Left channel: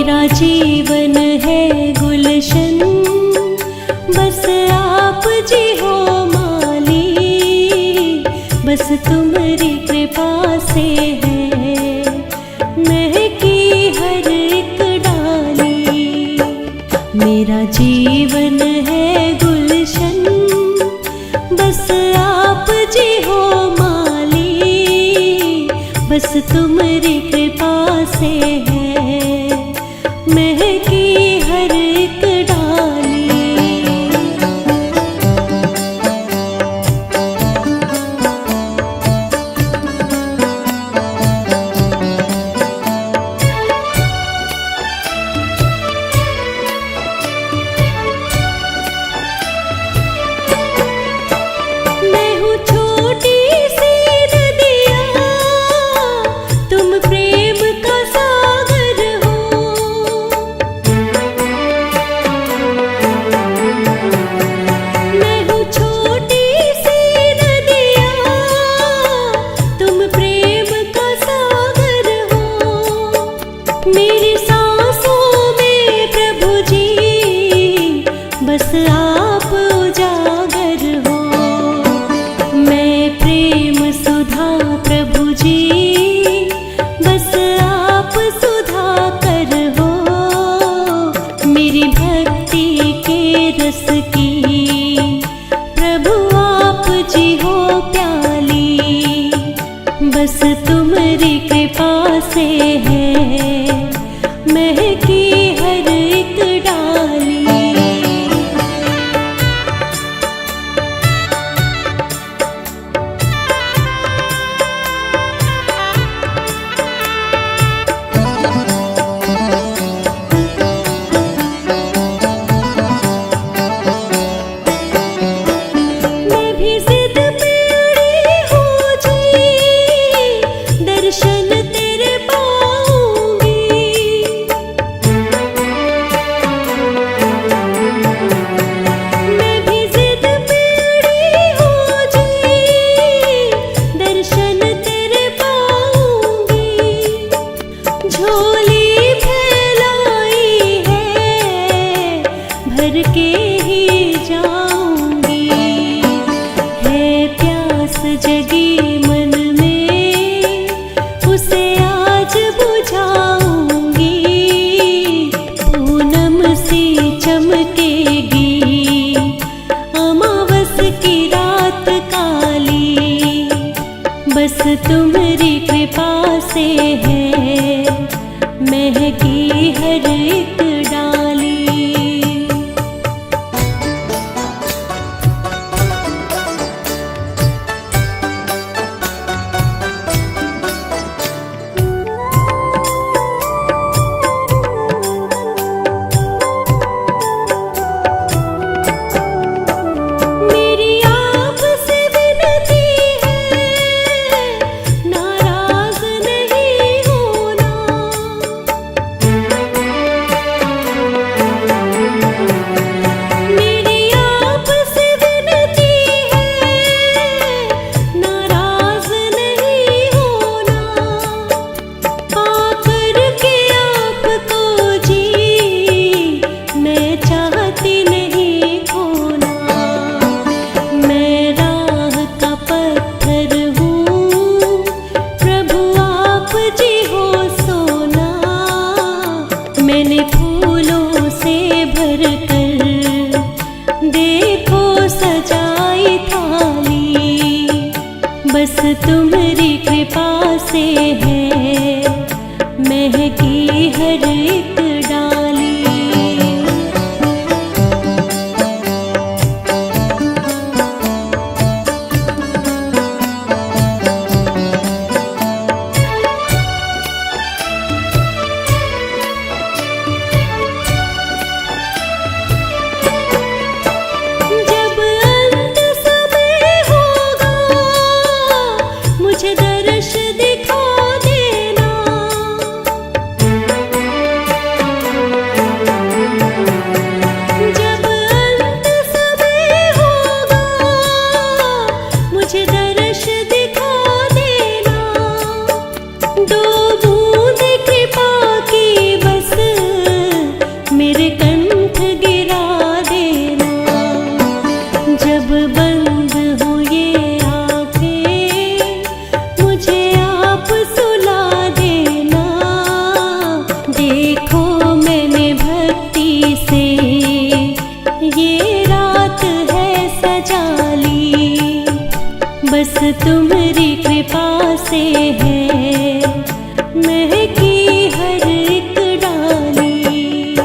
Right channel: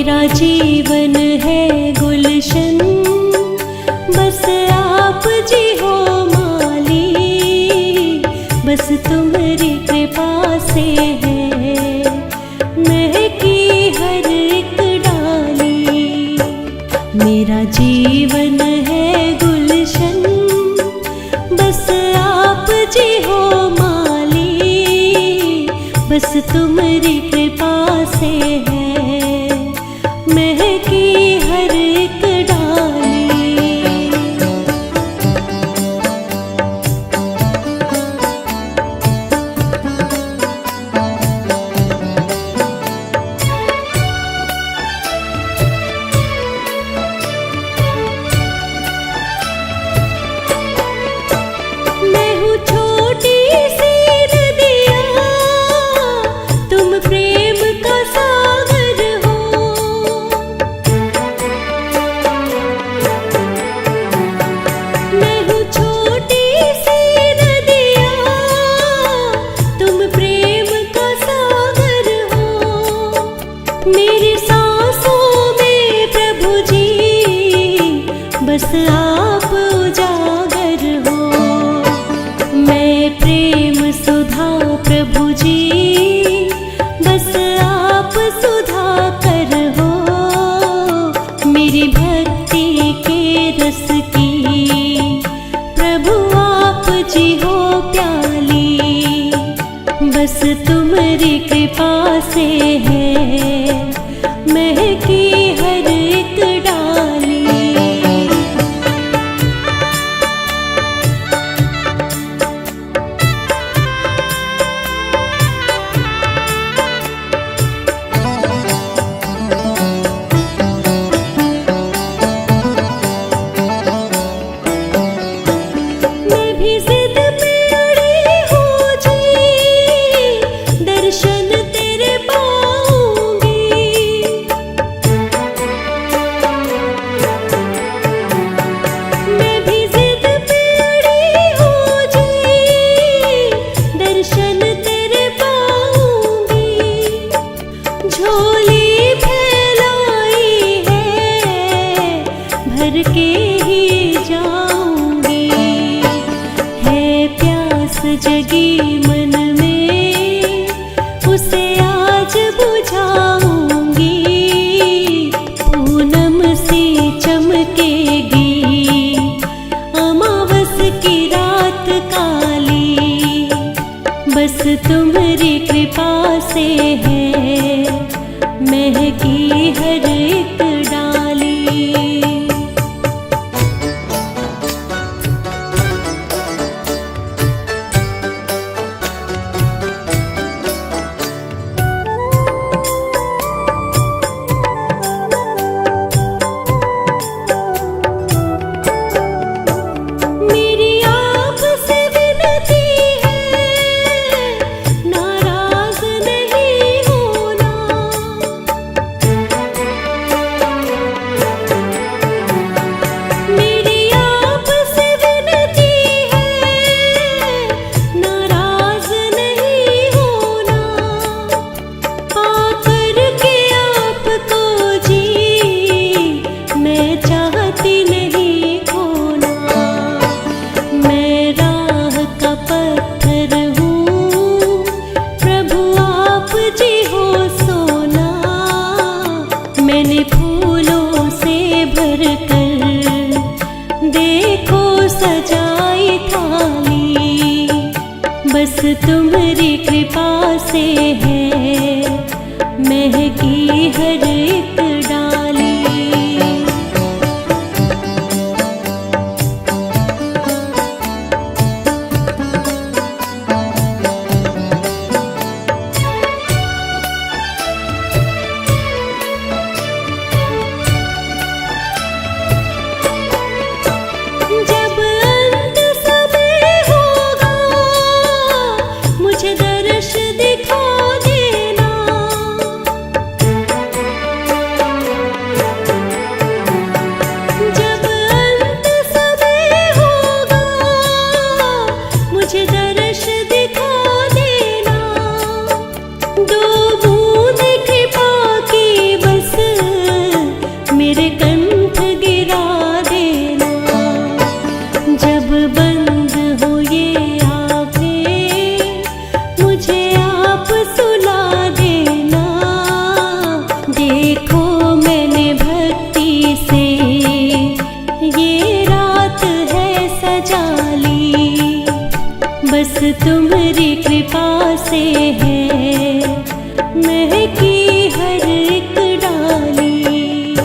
मेरा जीवन है गुलशन, बस आप जी हो माली, बस तुम्हारी कृपा से है महकी हर एक डाली। मेरा जीवन है गुलशन, बस आप जी हो माली, बस तुम्हारी कृपा से है महकी हर एक डाली। मैं हूँ छोटी सी नदिया, तुम प्रेम का सागर हो। मैं हूँ छोटी सी नदिया, तुम प्रेम का सागर हो। मेरी सांसों में प्रभु जी बस आप उजागर हो। मैं प्रेम सुधा प्रभु जी, बस आप सुधा कर हो। मेरी भक्ति के रस की प्रभु आप जी हो प्याली, बस तुम्हारी कृपा से है महकी हर एक डाली। दर्शन तेरे पाऊंगी, मैं भी जिद पे अड़ी हूँ जी, दर्शन तेरे पाऊंगी। झोली फैलाई है भर के ही जाऊंगी, है प्यास जगी मन में उसे आज बुझाऊंगी। पूनम सी चमकेगी अमावस की रात काली, बस तुम्हारी कृपा से है महकी हर एक डाली। मैंने फूलों से भर कर देखो सजाई थाली, बस तुम्हारी कृपा से है महकी हर एक डाली। मुझे दर्श दिखा देना, तुम्हारी कृपा से है महकी हर एक डाली।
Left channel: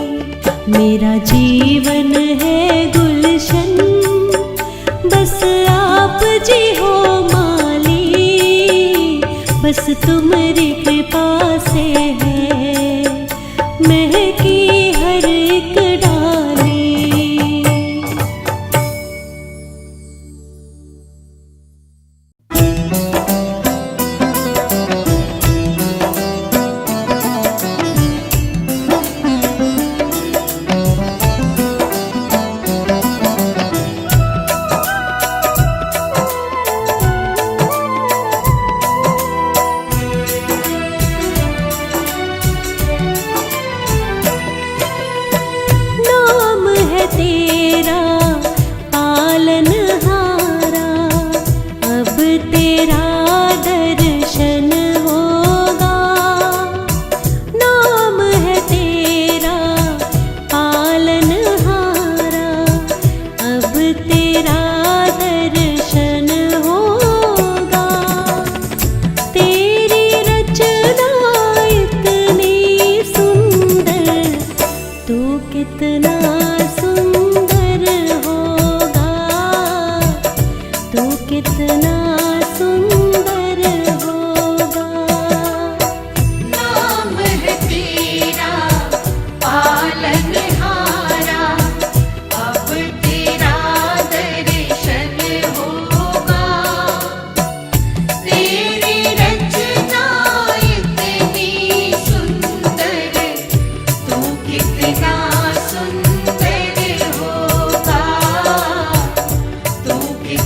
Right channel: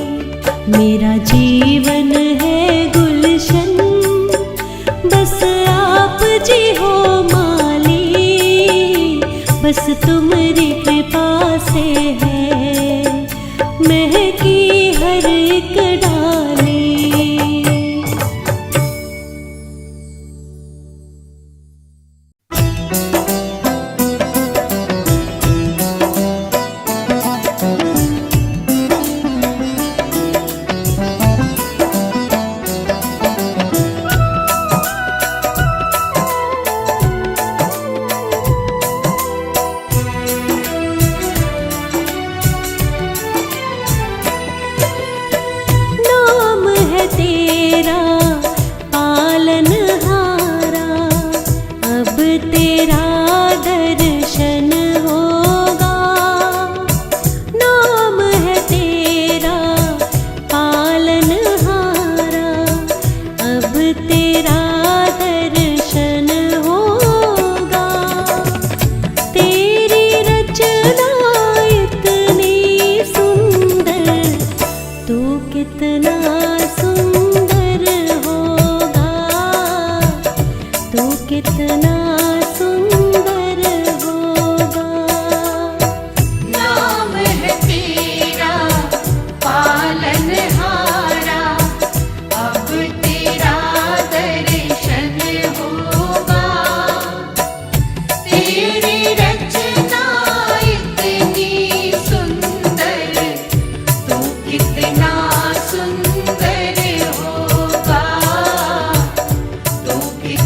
मेरा जीवन है गुलशन, बस आप जी हो माली। बस तुम्हारी कृपा से है महकी हर एक डाली। तेरा पालनहारा, अब तेरा दर्शन होगा। नाम है तेरा पालनहारा, अब तेरा दर्शन होगा। तेरी रचना इतनी सुंदर, तू कितना कितना सुंदर होगा। नाम है तेरा पालनहारा, अब तेरा दर्शन होगा। तेरी रचना इतनी सुंदर, तू कितना सुंदर होगा। तू कितना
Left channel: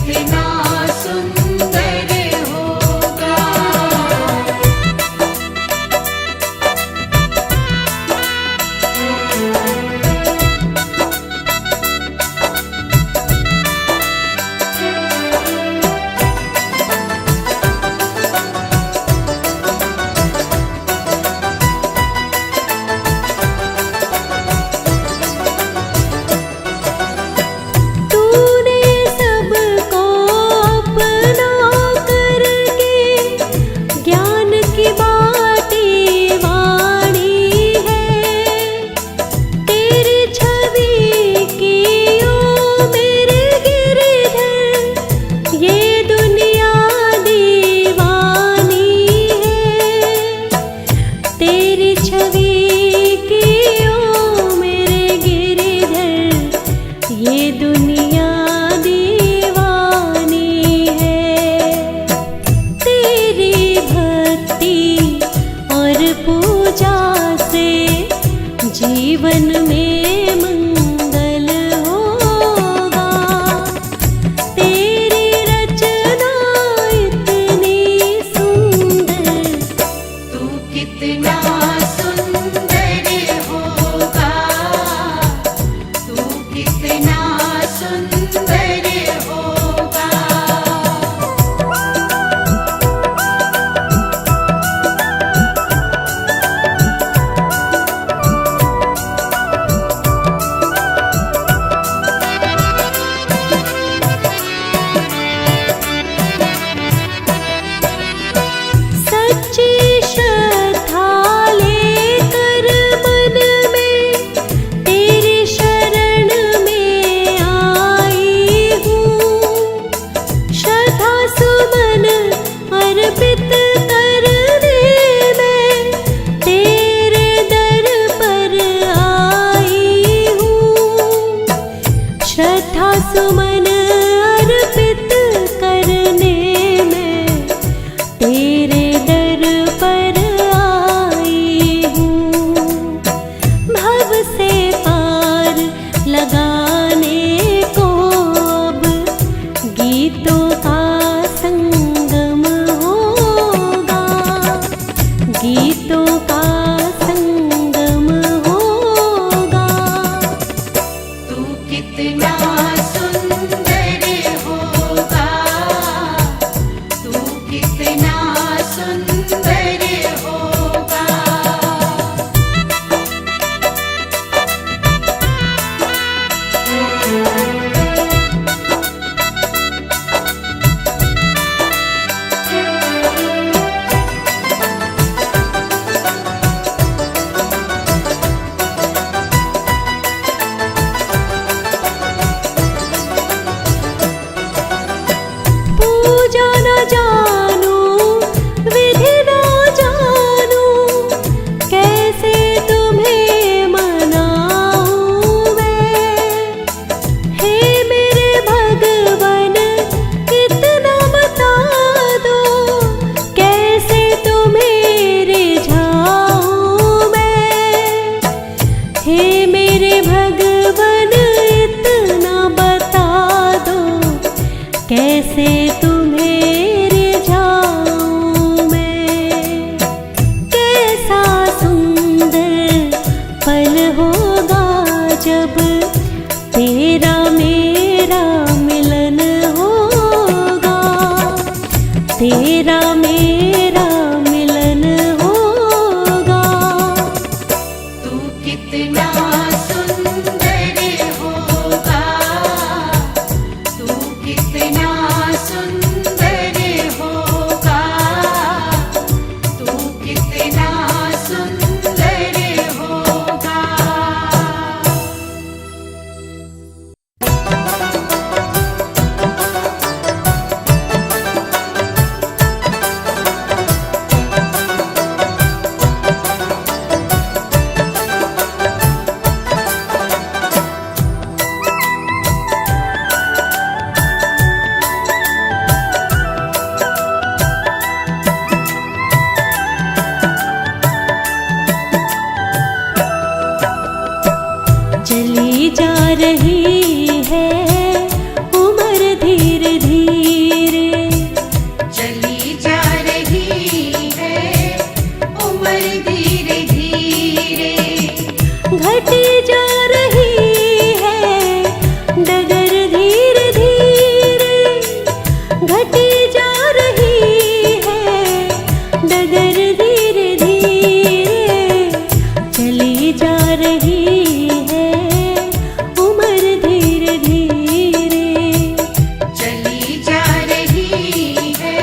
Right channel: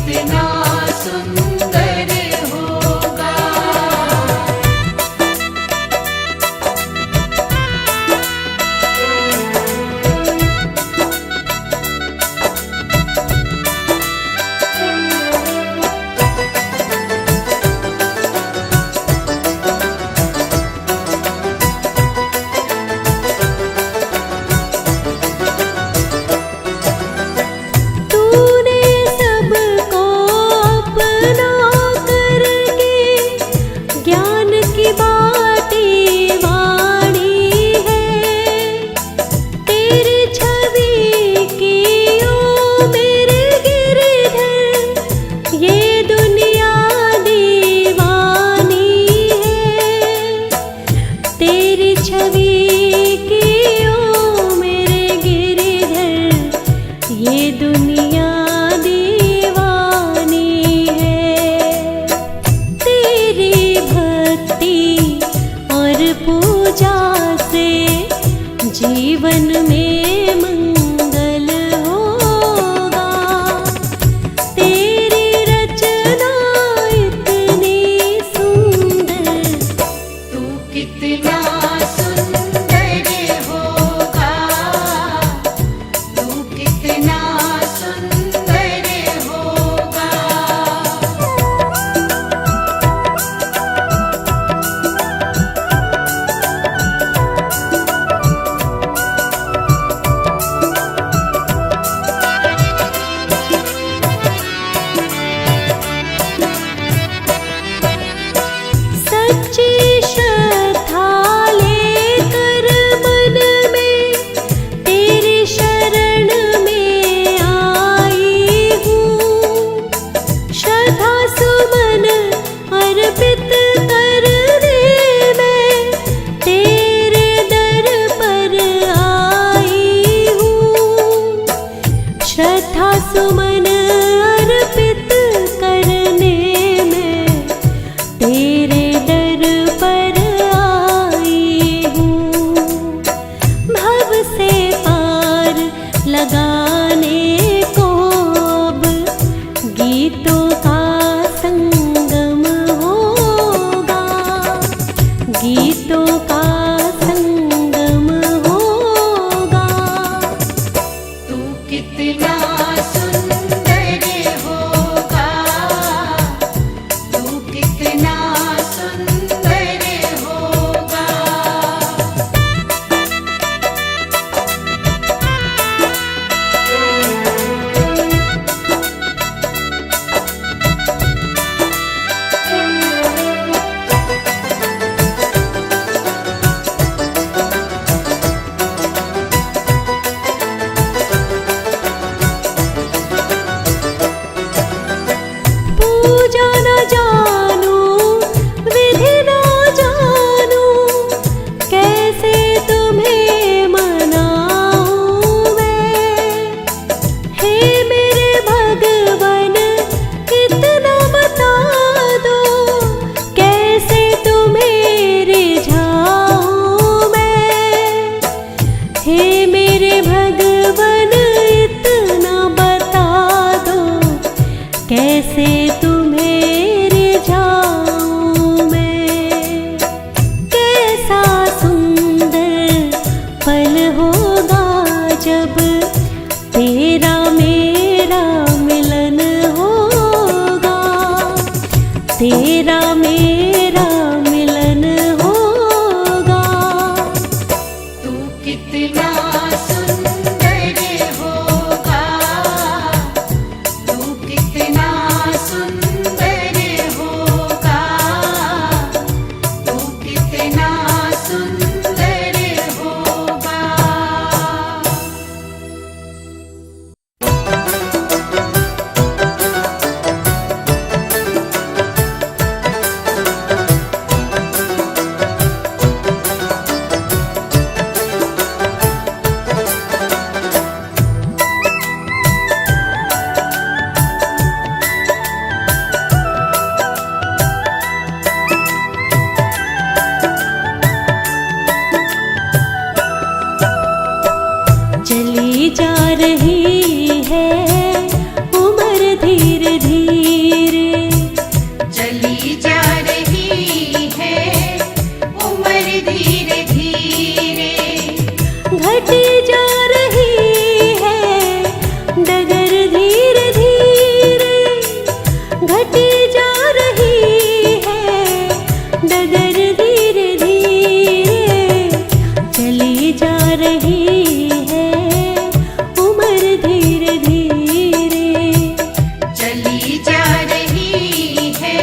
जीवन में मंगल होगा। तेरी रचना इतनी सुंदर, तू कितना सुंदर होगा। तू कितना सुंदर होगा। श्रद्धा सुमन अर्पित करने में तेरे दर पर आई हूँ। भव से पार लगाने को अब गीतों का संगम होगा। गीतों का संगम होगा। तू कितना सुंदर होगा। तू कितना सुंदर होगा। कैसे तुम्हें रिझाऊं मैं। कैसा सुंदर पल होगा जब तेरा मेरा मिलन होगा, तेरा मेरा मिलन होगा। तू कितना सुंदर होगा, तू कितना सुंदर होगा, तू कितना सुंदर होगा। चली जा रही है उम्र धीरे धीरे, चली जा रही है उम्र धीरे धीरे, घटी जा रही है डगर धीरे धीरे, घटी जा रही है डगर धीरे धीरे। चली जा रही है उम्र धीरे धीरे, चली जा रही है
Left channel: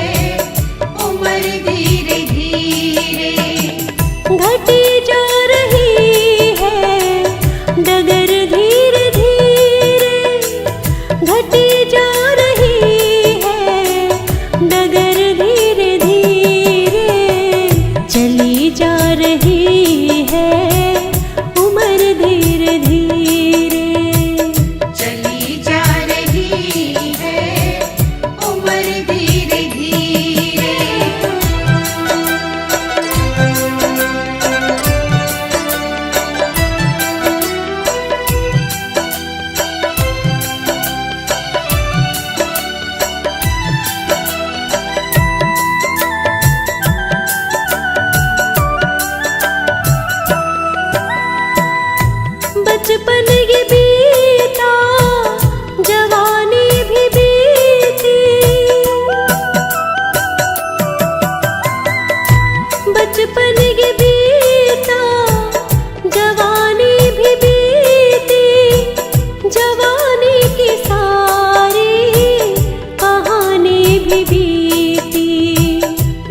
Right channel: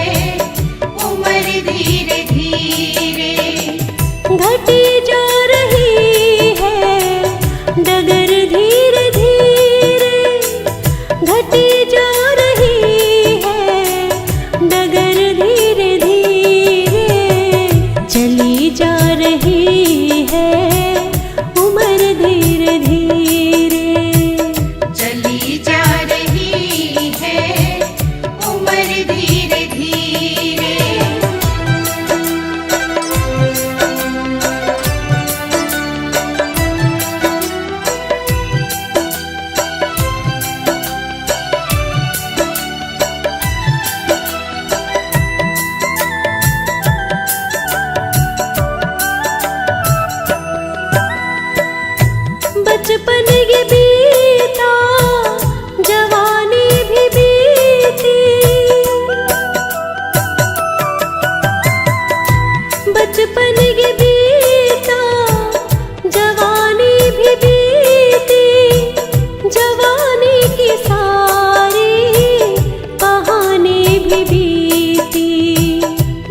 उम्र धीरे धीरे, घटी जा रही है डगर धीरे धीरे, घटी जा रही है डगर धीरे धीरे। चली जा रही है उम्र धीरे धीरे, चली जा रही है उम्र धीरे धीरे। बचपन ये बीता जवानी भी बीती, बचपन ये बीता जवानी भी बीती, जवानी की सारी कहानी भी बीती,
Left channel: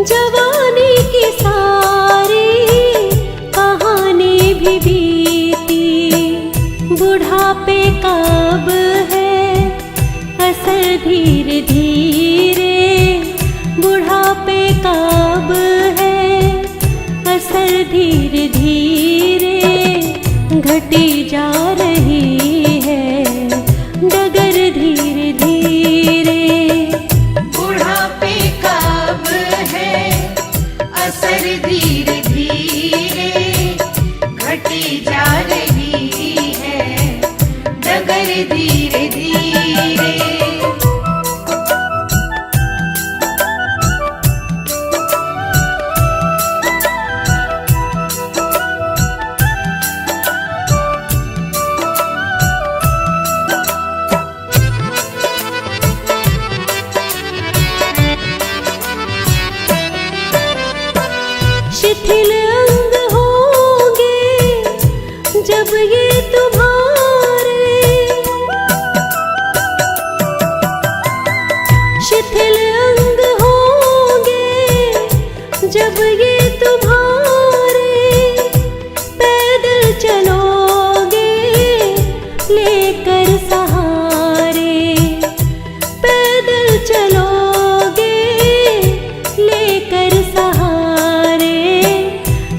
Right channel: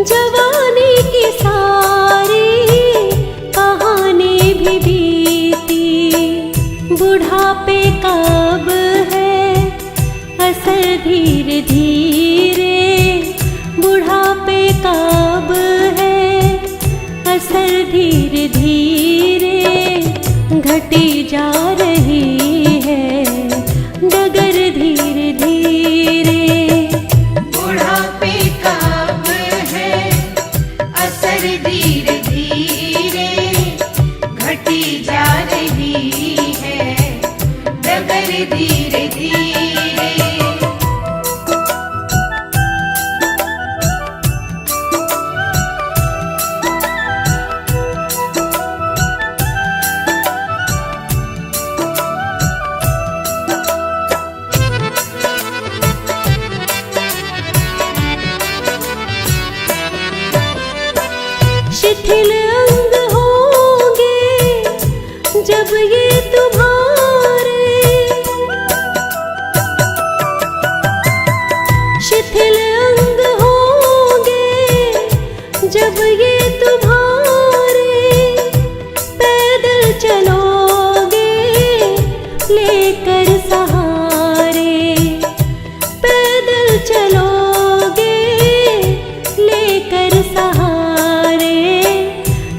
जवानी की सारी कहानी भी बीती। बुढ़ापे कब है असर धीरे धीरे, बुढ़ापे कब है असर धीरे धीरे। घटी जा रही है डगर धीरे धीरे, बुढ़ापे कब है असर धीरे धीरे, घटी जा रही है डगर धीरे धीरे। शिथिल अंग होंगे जब ये तुम्हारे, शिथिल अंग होंगे जब ये तुम्हारे। पैदल चलोगे लेकर सहारे, पैदल चलोगे लेकर सहारे।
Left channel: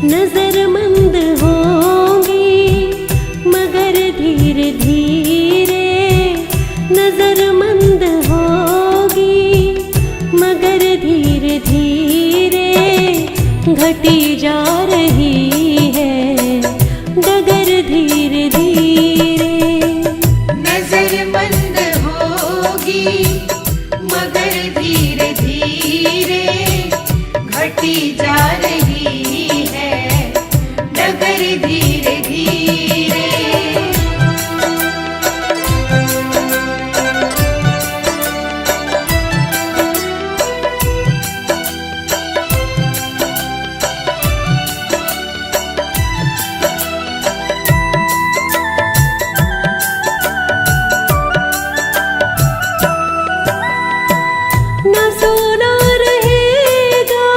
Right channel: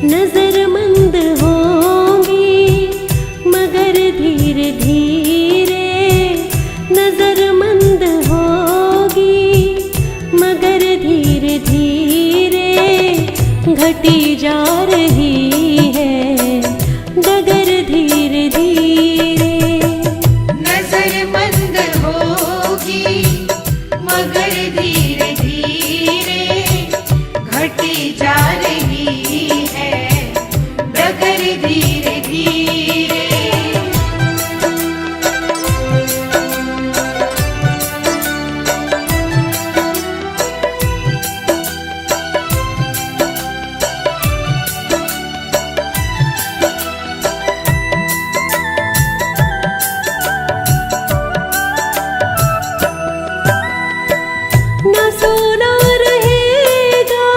नजरमंद होंगी मगर धीरे धीरे, नजरमंद होगी मगर धीरे धीरे। घटी जा रही है डगर धीरे धीरे, नजरमंद होगी मगर डगर धीरे धीरे। न सोना रहेगा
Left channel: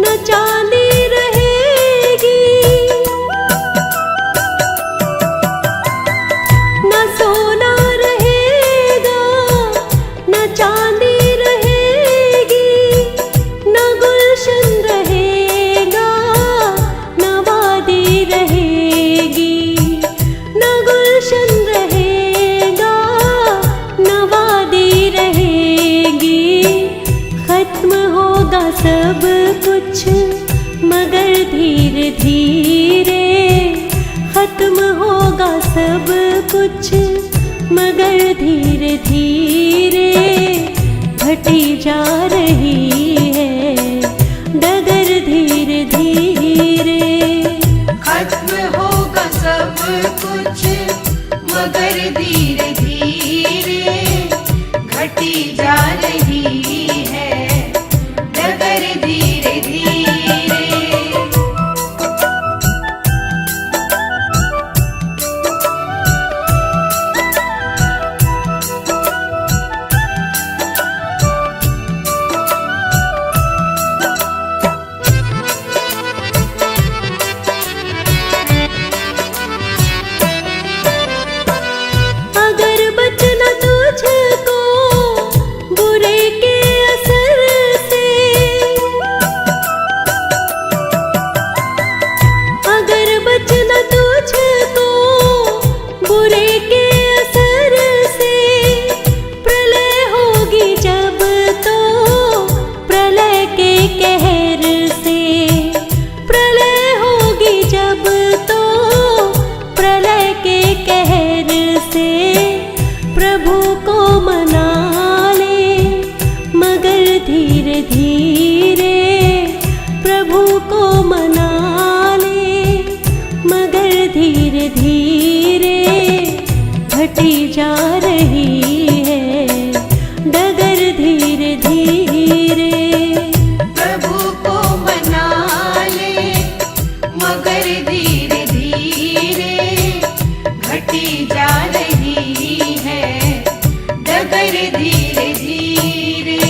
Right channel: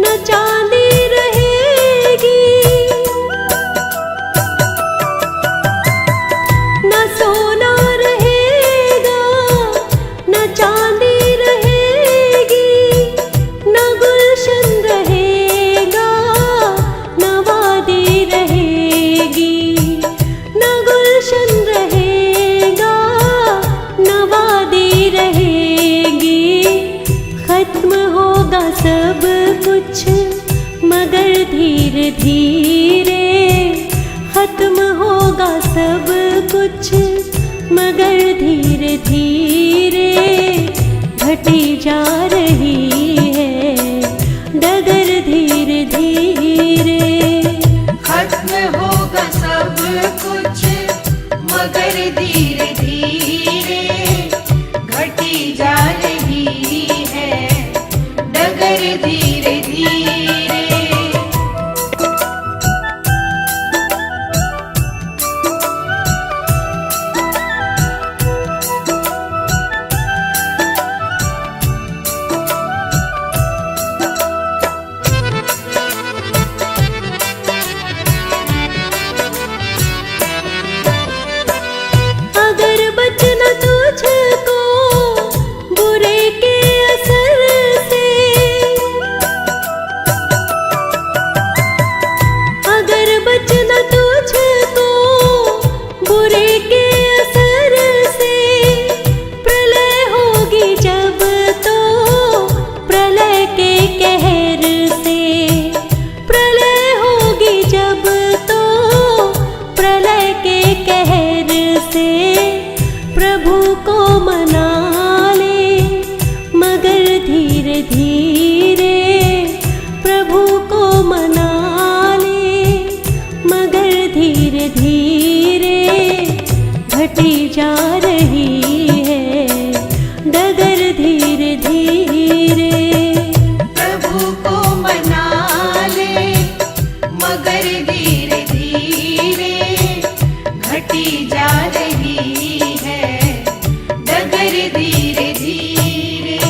न चांदी रहेगी, न सोना रहेगा न चांदी रहेगी, न गुलशन रहेगा न वादी रहेगी, न गुलशन रहेगा न वादी रहेगी। खत्म होगा सब कुछ मगर धीरे धीरे, खत्म होगा सब कुछ मगर धीरे धीरे, घटी जा रही है डगर धीरे धीरे। खत्म होगा सब कुछ मगर धीरे धीरे, घटी जा रही है डगर धीरे धीरे। अगर बचना तुझको बुरे के असर से, अगर बचना तुझको बुरे के असर से, प्रलय होगी जब तो प्रलय के कहर से, प्रलय होगी जब तो प्रलय के कहर से। प्रभु को मना ले मगर धीरे धीरे, प्रभु को मना ले मगर धीरे धीरे, घटी जा रही है डगर धीरे धीरे। प्रभु को मना ले मगर धीरे धीरे, घटी जा रही है डगर धीरे धीरे।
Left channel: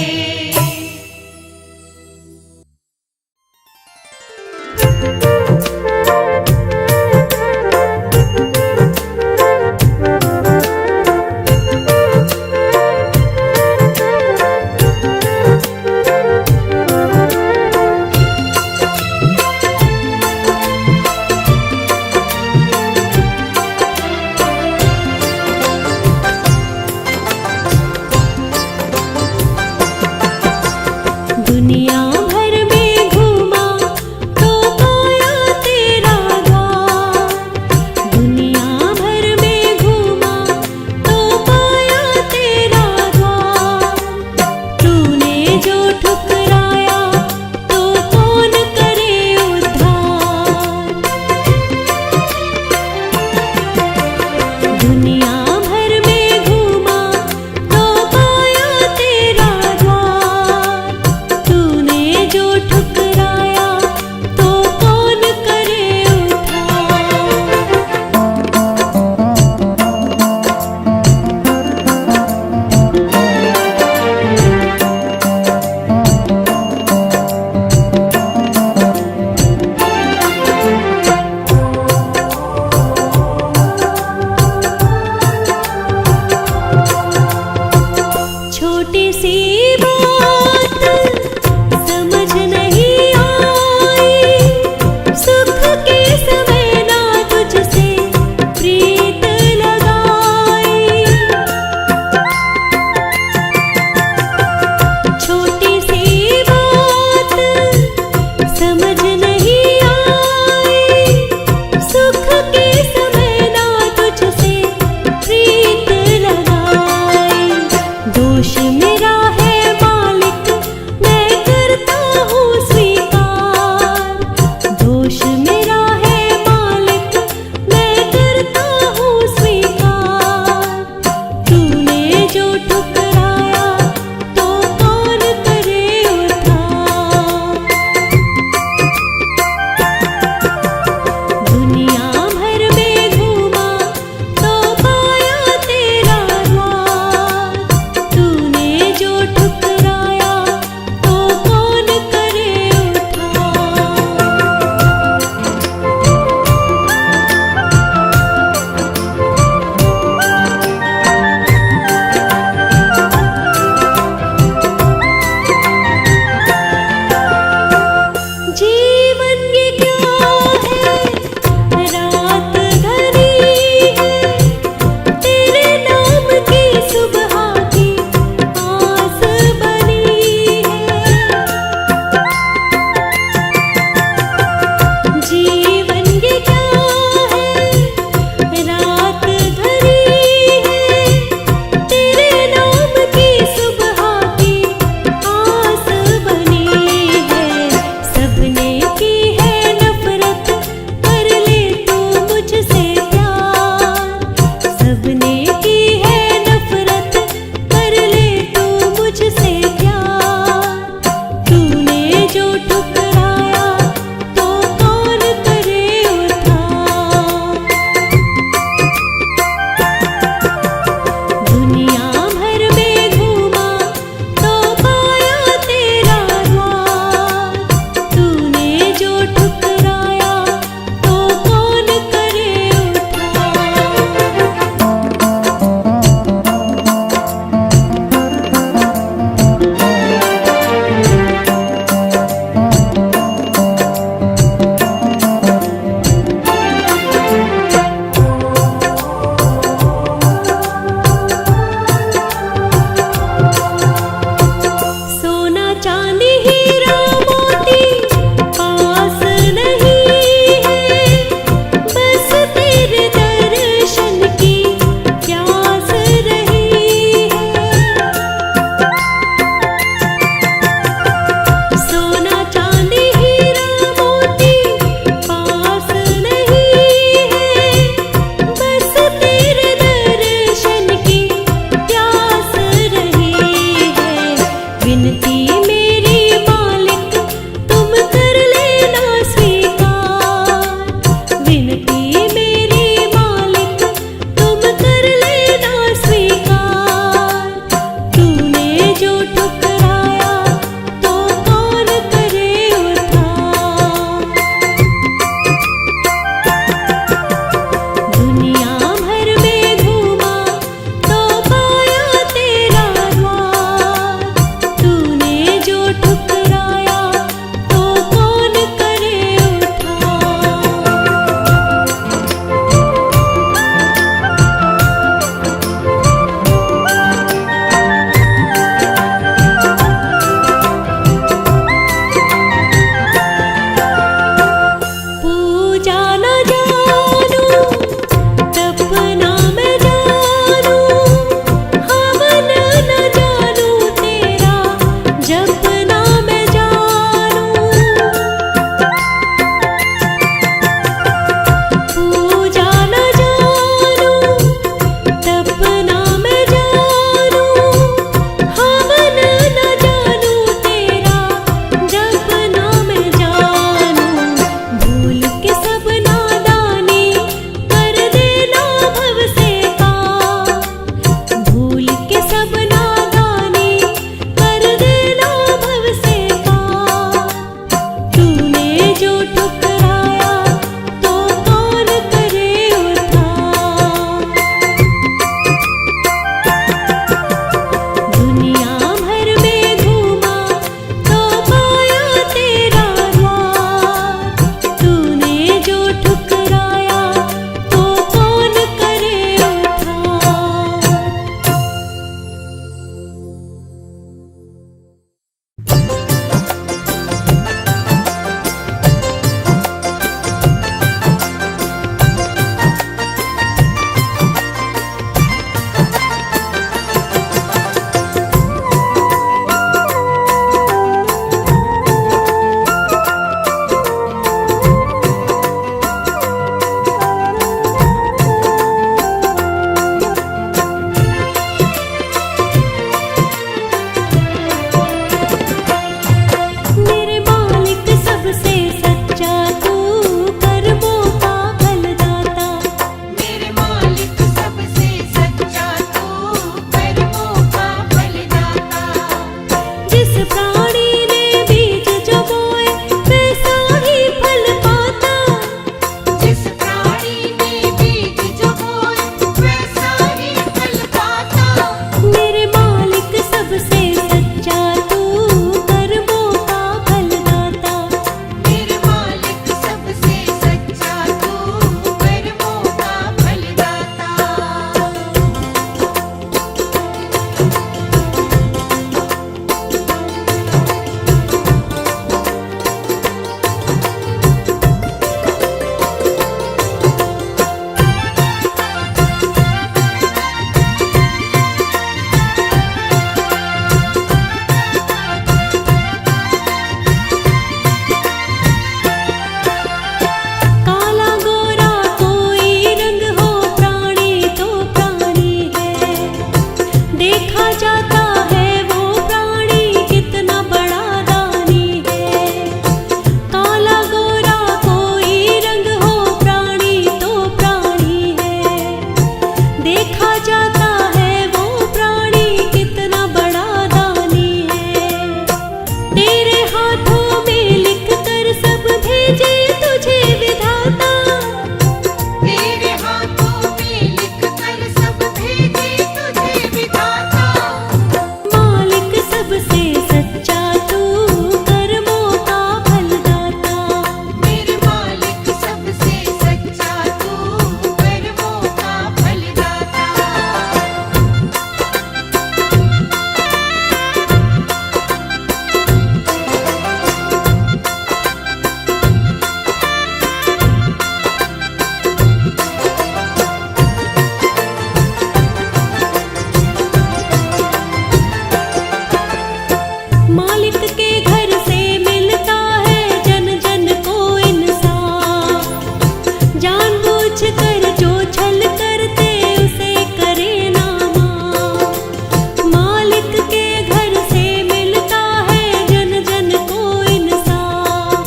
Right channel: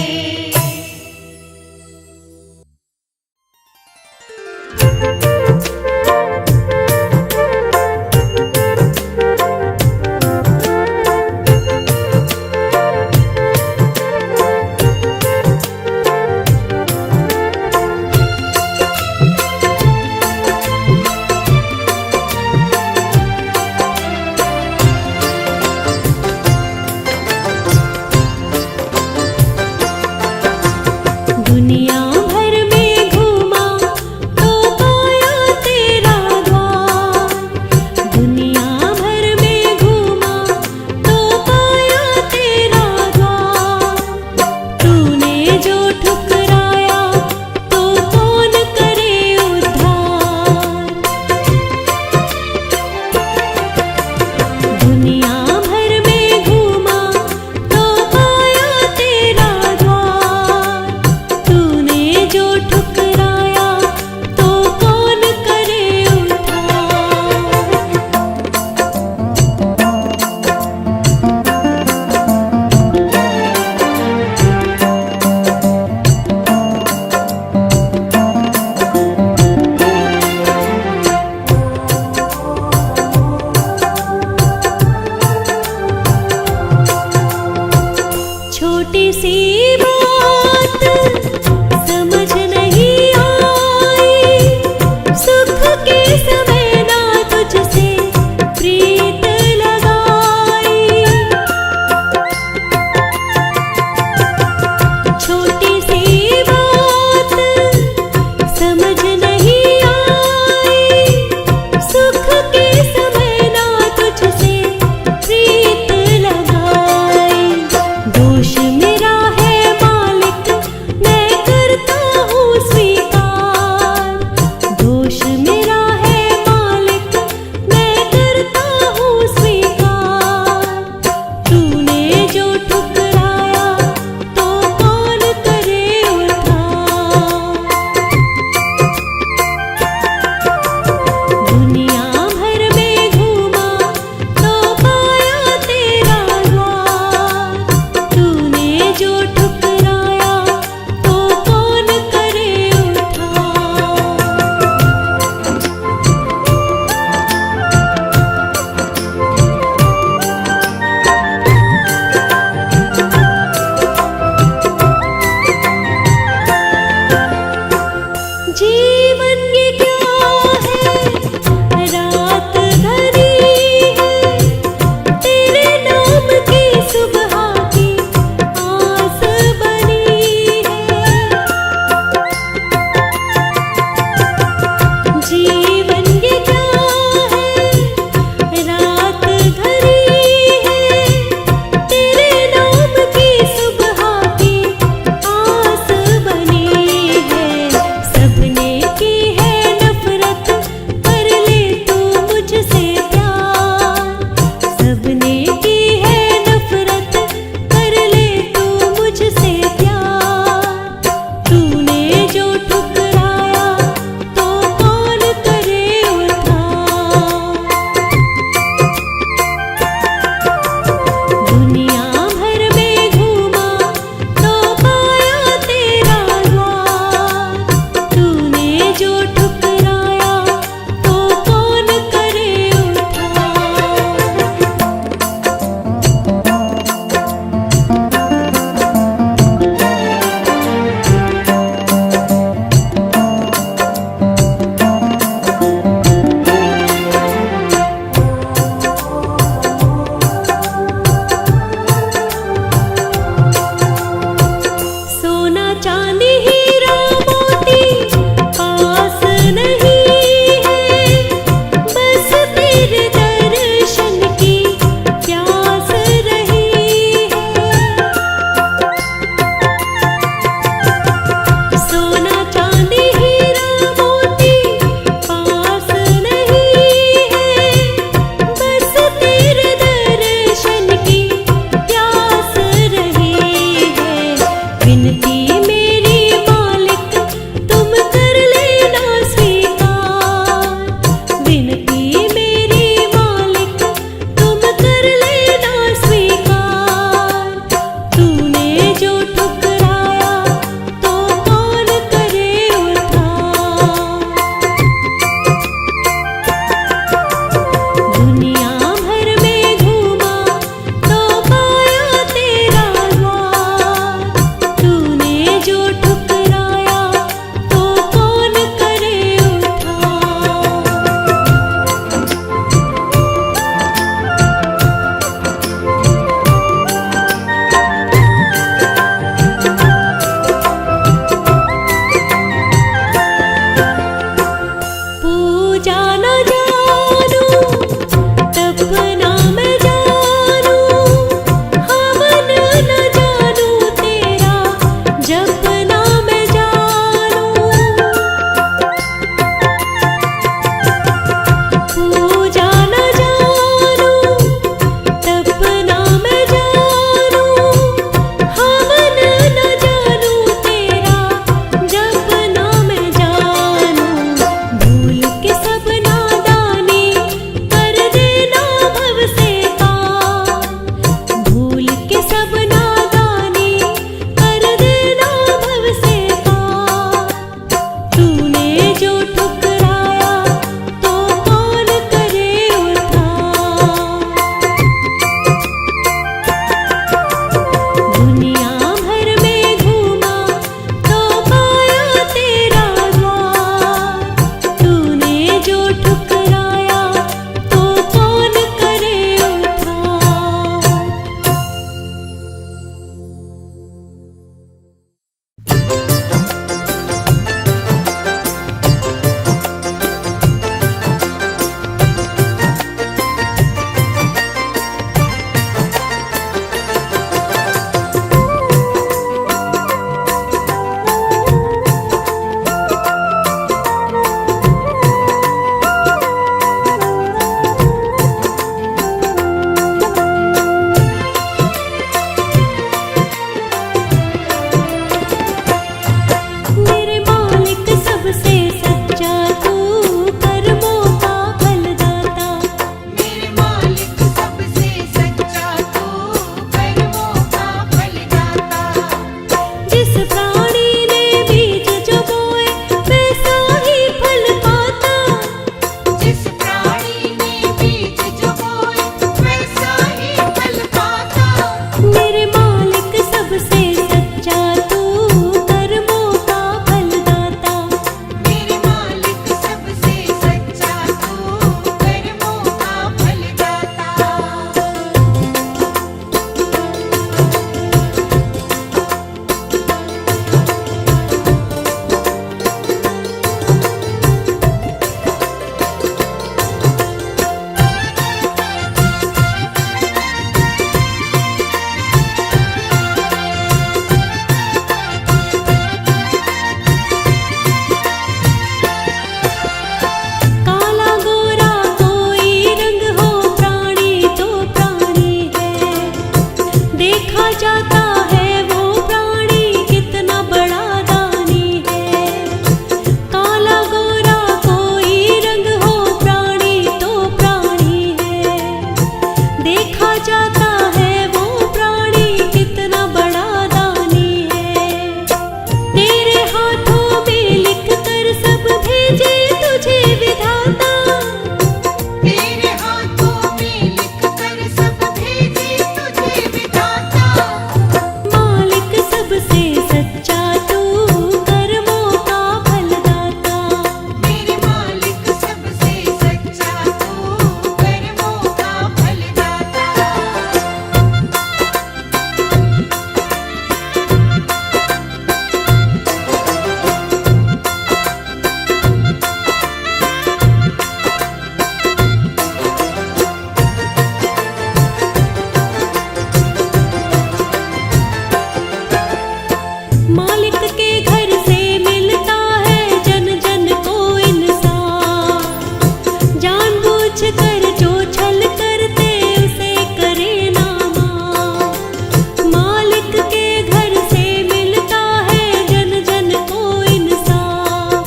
जानबूझ कर जो छल करते उसे करे ना माफ। मालिक के घर से मिलता है जन जन को इंसाफ।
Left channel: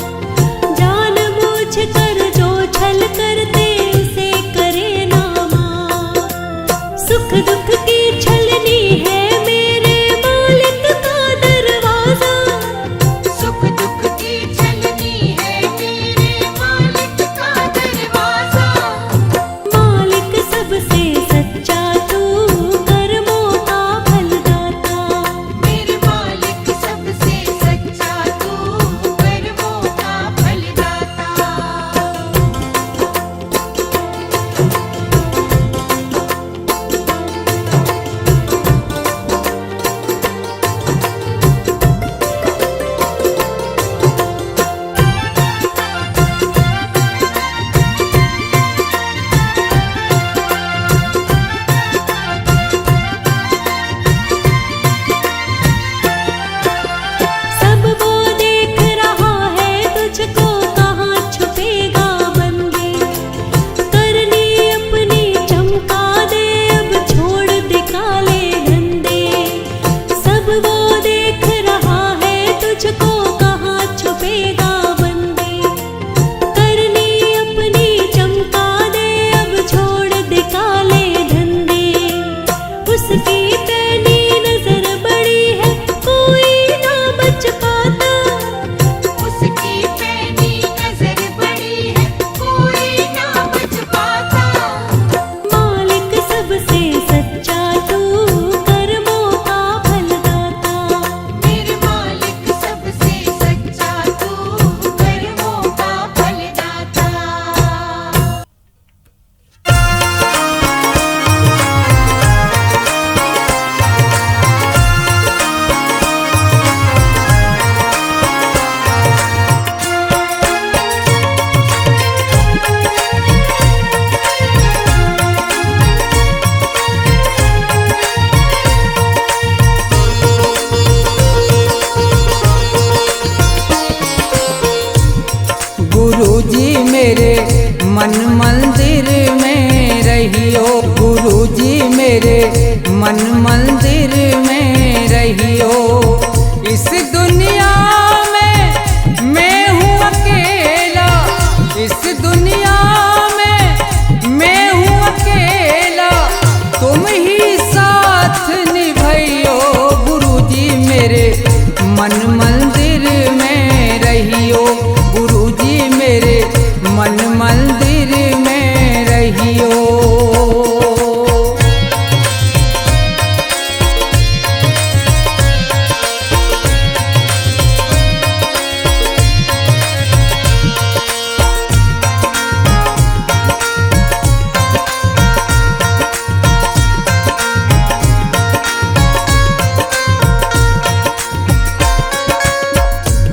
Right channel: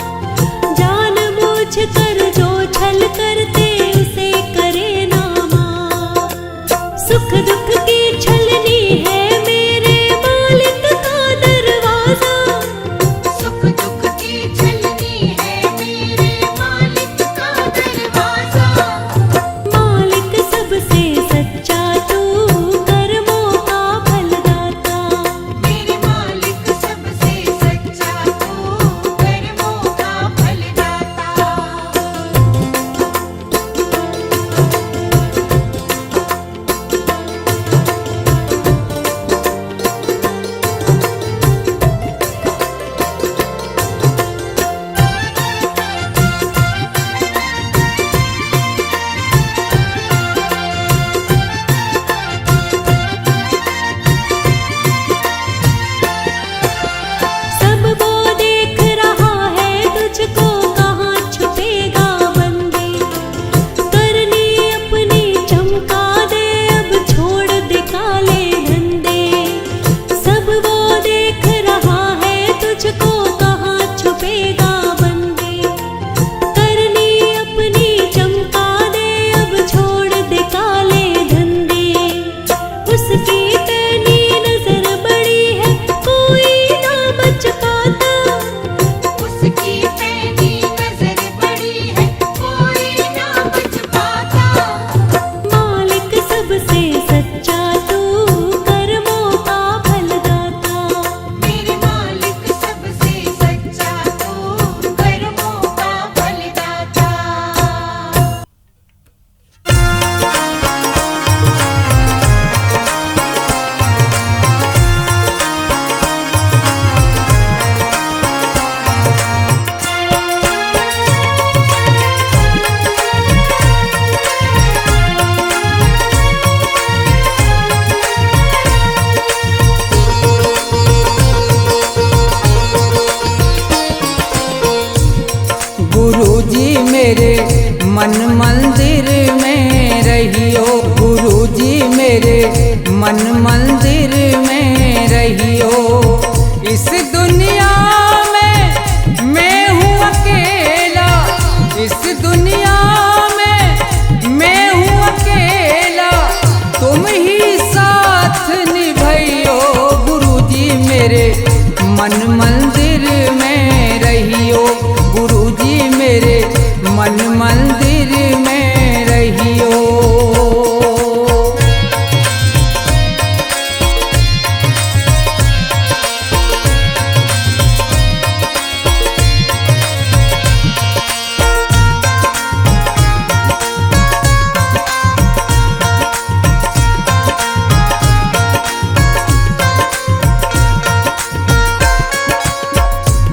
जानबूझ कर जो छल करते उसे करे ना माफ। सुख दुख की छलनी है मेरे मालिक का दरवाजा। सुख दुख की छलनी है मेरे मालिक का दरवाजा। मालिक सबसे सच्चा तू कर्मों का फलदाता। मेरे मालिक सबसे सच्चा तू कर्मों का फलदाता। सब वो देख रहा है तुझको, कहाँ छुपेगा बंदे। करनी अपनी चमका दे, अब छोड़ दे काले धंधे। सब वो देख रहा है तुझको, कहाँ छुपेगा बंदे। करनी अपनी चमका दे, अब छोड़ दे काले धंधे। उसकी पैनी नजर बड़ी है, कोई ना बच पाता। उसकी पैनी नजर बड़ी है, कोई ना बच पाता। मालिक सबसे सच्चा तू कर्मों का फलदाता। मेरे मालिक सबसे सच्चा तू कर्मों का फलदाता। गुरुजी मेरे मन मंदिर में रहियो। गुरुजी मेरे मन मंदिर में रहियो। इस दुनिया में मैं हूँ अकेला। इस दुनिया में मैं हूँ अकेला, तुम ही साथ निभाइयो। गुरुजी मेरे मन मंदिर में रहियो। गुरुजी मेरे मन मंदिर में रहियो।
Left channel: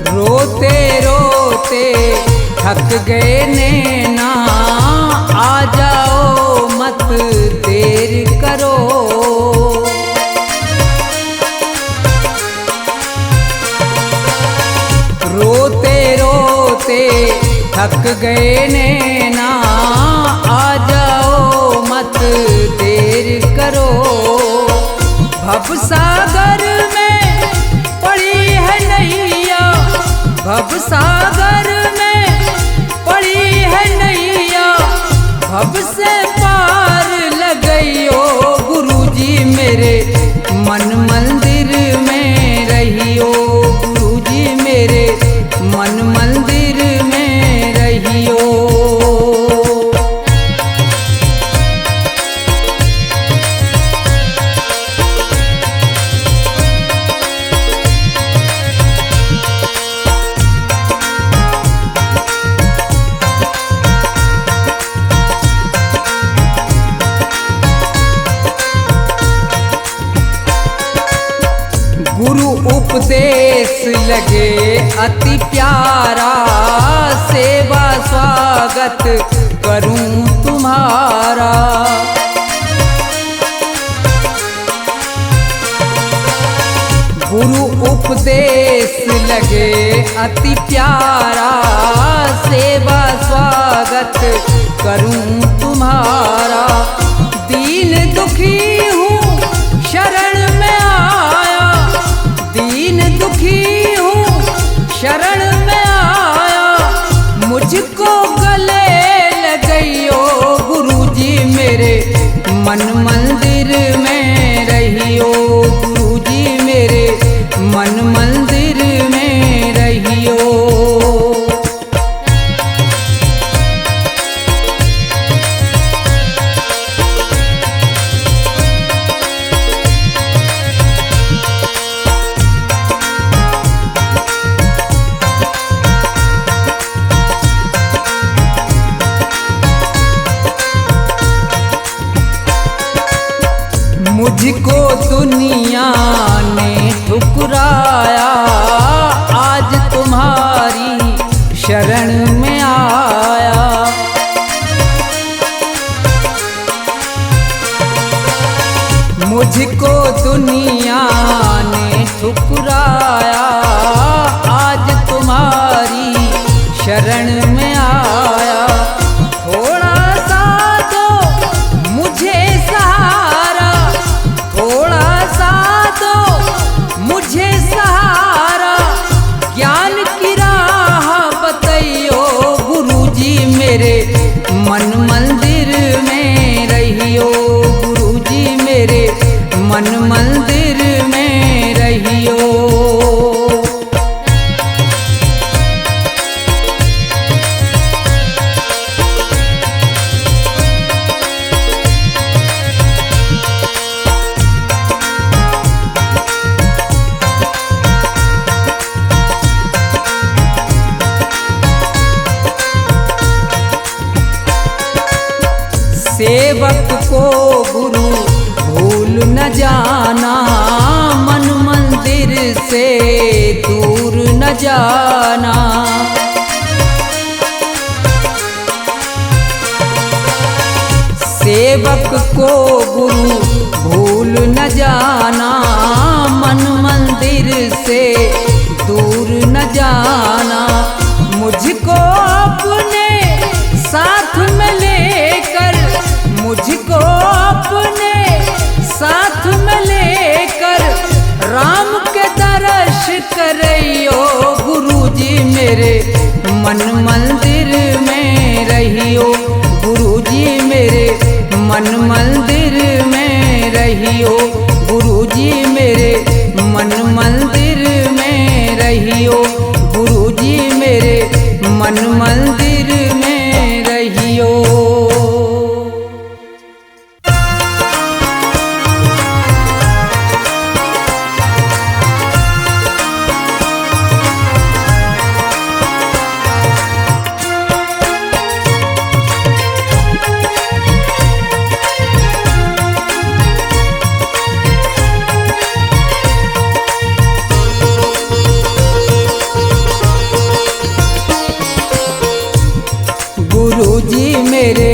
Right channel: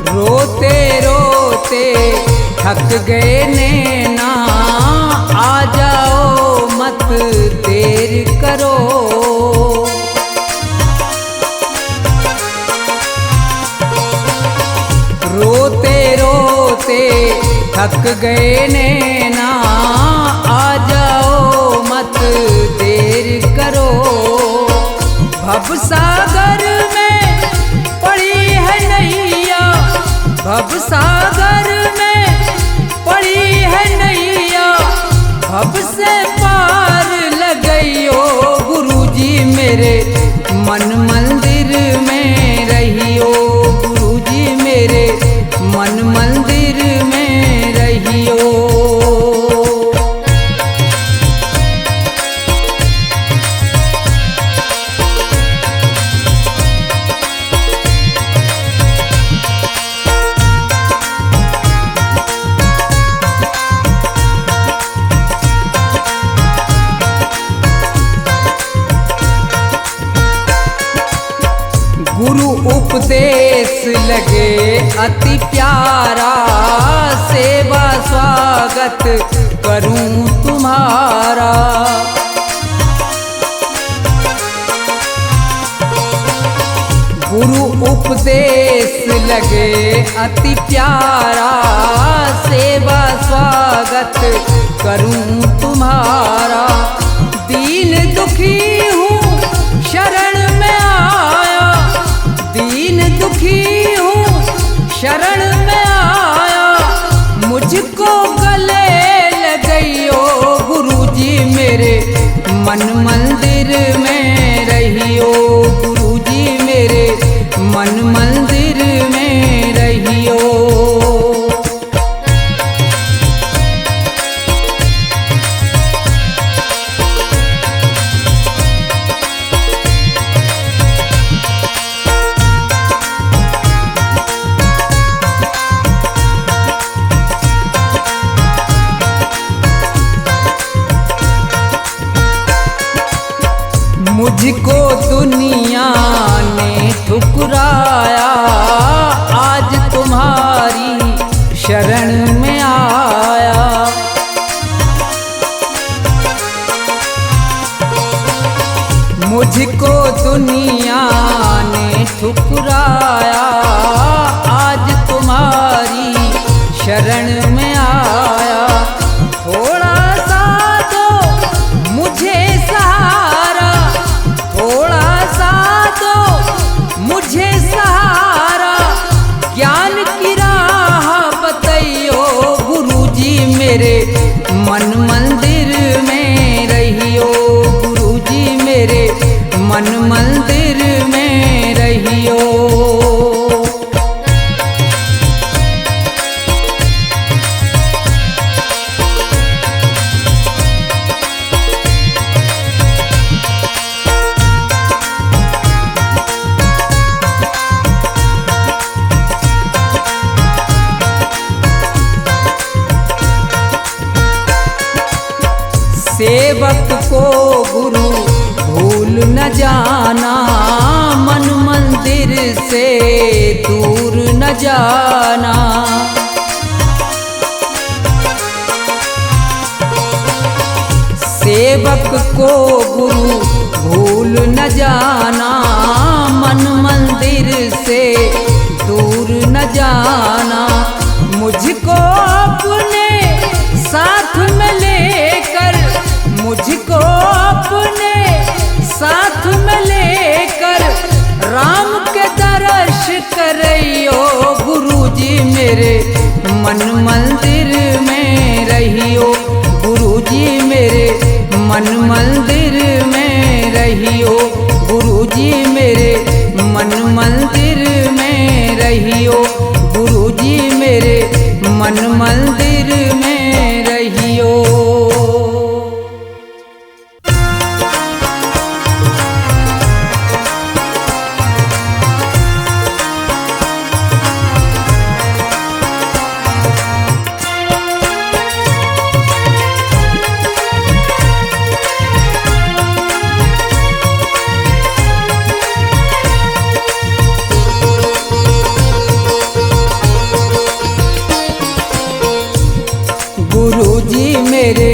रोते रोते थक गए नैना, आ जाओ मत देर करो। रोते रोते थक गए नैना, आ जाओ मत देर करो। भव सागर में पड़ी है नैया, भव सागर में पड़ी है नैया। भव से पार लगइयो। गुरुजी मेरे मन मंदिर में रहियो। गुरुजी मेरे मन मंदिर में रहियो। गुरु उपदेश लगे अति प्यारा, सेवा स्वागत करूं तुम्हारा। गुरु उपदेश लगे अति प्यारा, सेवा स्वागत करूं तुम्हारा। दीन दुखी हूँ शरण में आया, दीन दुखी हूँ शरण में आया। मुझको गले लगइयो गुरुजी मेरे, मन मंदिर में रहियो गुरुजी मेरे, मन मंदिर में रहियो। मुझको दुनिया ने ठुकराया, आज तुम्हारी शरण में आया। मुझको दुनिया ने ठुकराया, आज तुम्हारी शरण में आया। थोड़ा सा दो मुझे सहारा, थोड़ा सा दो मुझे सहारा। ज्ञान की राह बताइयो गुरुजी मेरे, मन मंदिर में रहियो गुरुजी मेरे, मन मंदिर में रहियो। सेवक को गुरु भूल न जाना, मन मंदिर से दूर न जाना। सेवक को गुरु भूल न जाना, मन मंदिर से दूर न जाना। मुझको अपने साथ में लेकर, मुझको अपने साथ में लेकर, राम के दर्श करइयो गुरुजी मेरे, मन मंदिर में रहियो गुरुजी मेरे, मन मंदिर में रहियो गुरुजी मेरे, मन मंदिर में रहियो गुरुजी मेरे, मन मंदिर में रहियो। गुरुजी मेरे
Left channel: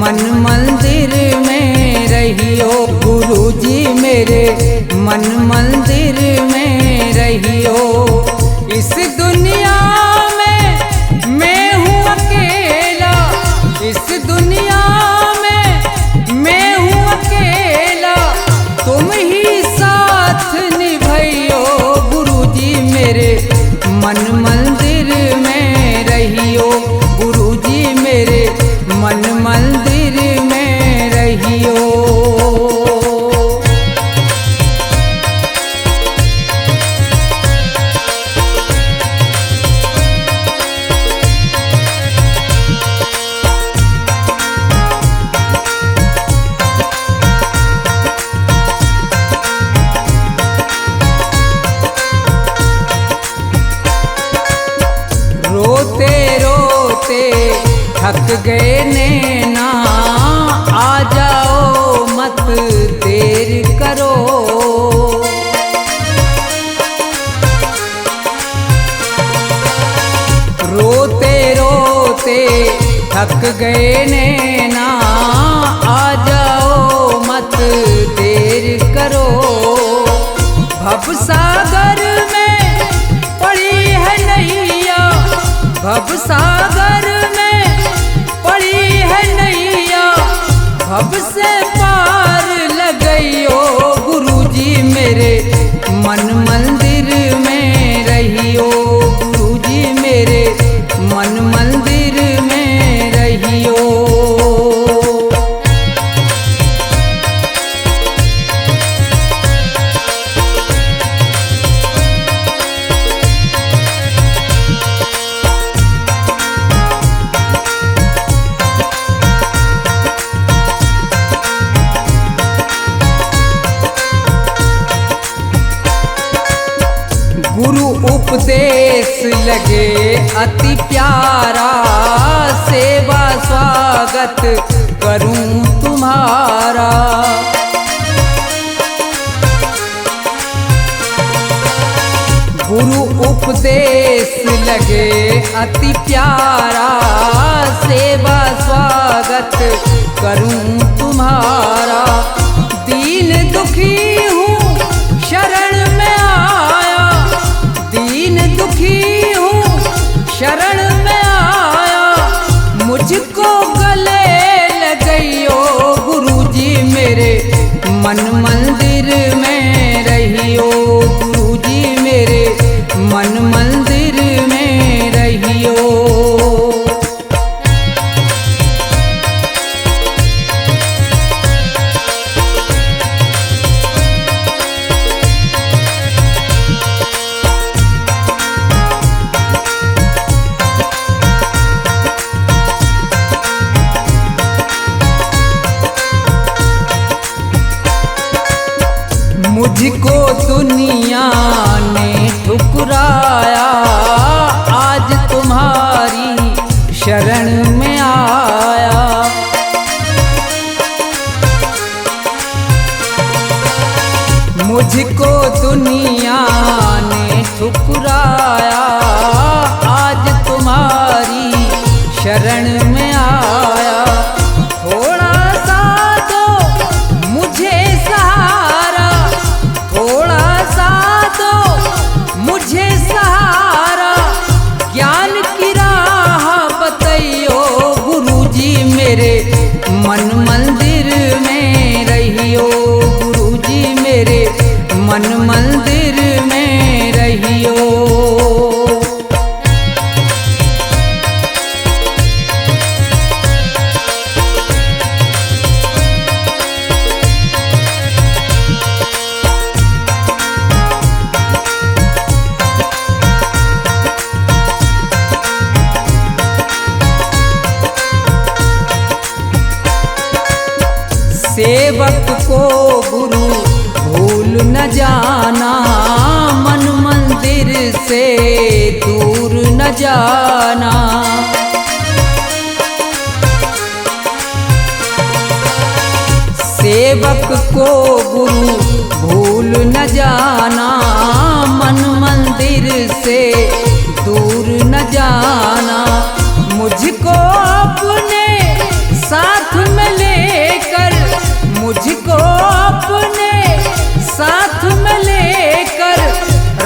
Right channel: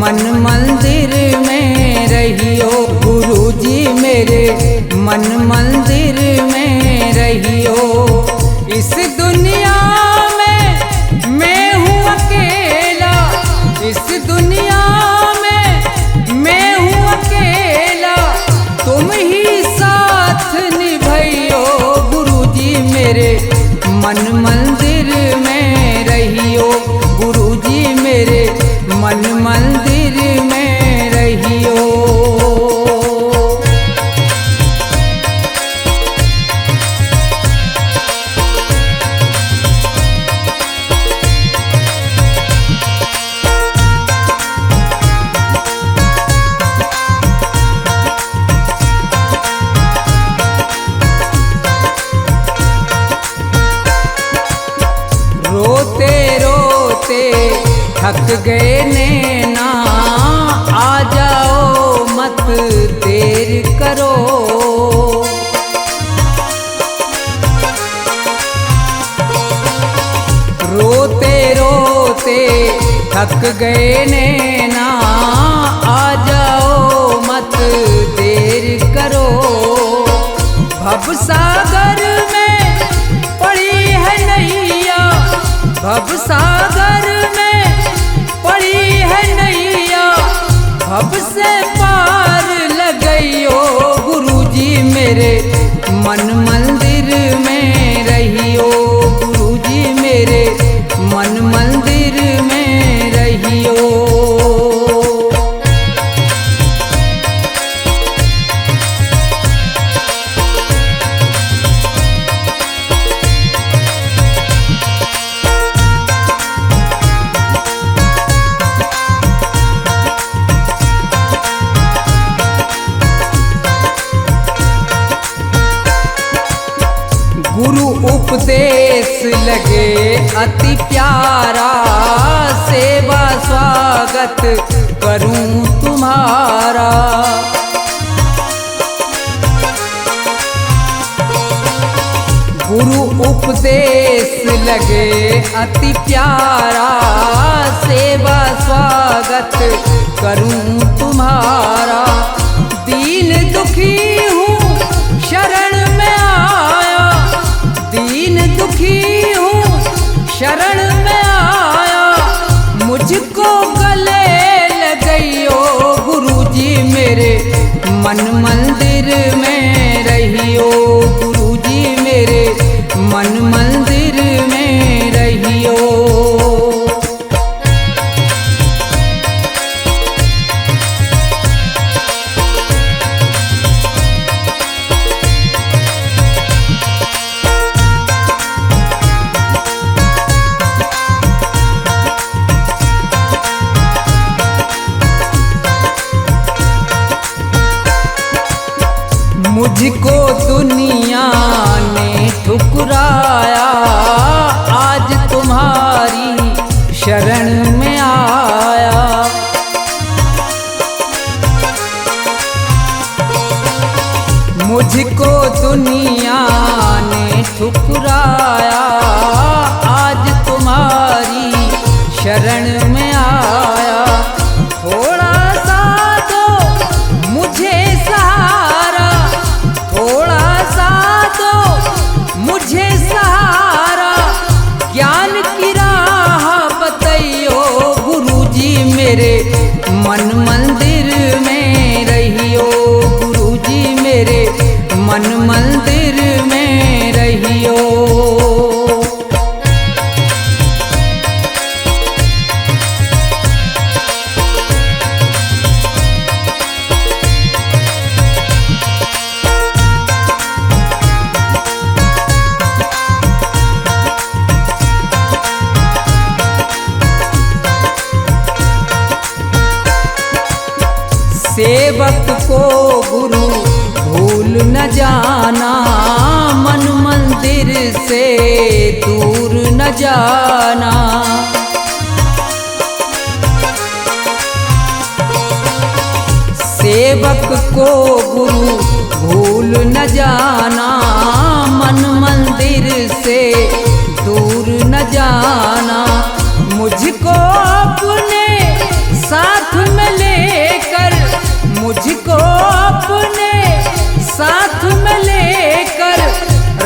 मन मंदिर में रहियो गुरुजी मेरे मन मंदिर में रहियो। इस दुनिया में मैं हूँ अकेला, इस दुनिया में मैं हूँ अकेला, तुम ही साथ निभाइयो गुरुजी मेरे मन मंदिर में रहियो गुरुजी मेरे मन मंदिर में रहियो। रोते रोते थक गए नैना, आ जाओ मत देर करो। रोते रोते थक गए नैना, आ जाओ मत देर करो। भवसागर में पड़ी है नैया, भवसागर में पड़ी है नैया, भव से पार लगइयो गुरुजी मेरे मन मंदिर में रहियो, गुरुजी मेरे मन मंदिर में रहियो। गुरु उपदेश लगे अति प्यारा, सेवा स्वागत करूं तुम्हारा। गुरु उपदेश लगे अति प्यारा, सेवा स्वागत करूं तुम्हारा। दीन दुखी हूँ शरण में आया, दीन दुखी हूँ शरण में आया, मुझको गले लगइयो गुरुजी मेरे मन मंदिर में रहियो, गुरुजी मेरे मन मंदिर में रहियो। मुझको दुनिया ने ठुकराया, आज तुम्हारी शरण में आया। मुझको दुनिया ने ठुकराया, आज तुम्हारी शरण में आया। थोड़ा सा दो मुझे सहारा, थोड़ा सा दो मुझे सहारा, ज्ञान की राह बतइयो गुरुजी मेरे मन मंदिर में रहियो, गुरुजी मेरे मन मंदिर में रहियो। सेवक को गुरु भूल न जाना, मन मंदिर से दूर न जाना। सेवक को गुरु भूल न जाना, मन मंदिर से दूर न जाना। मुझको अपने साथ में लेकर, मुझको अपने साथ में लेकर,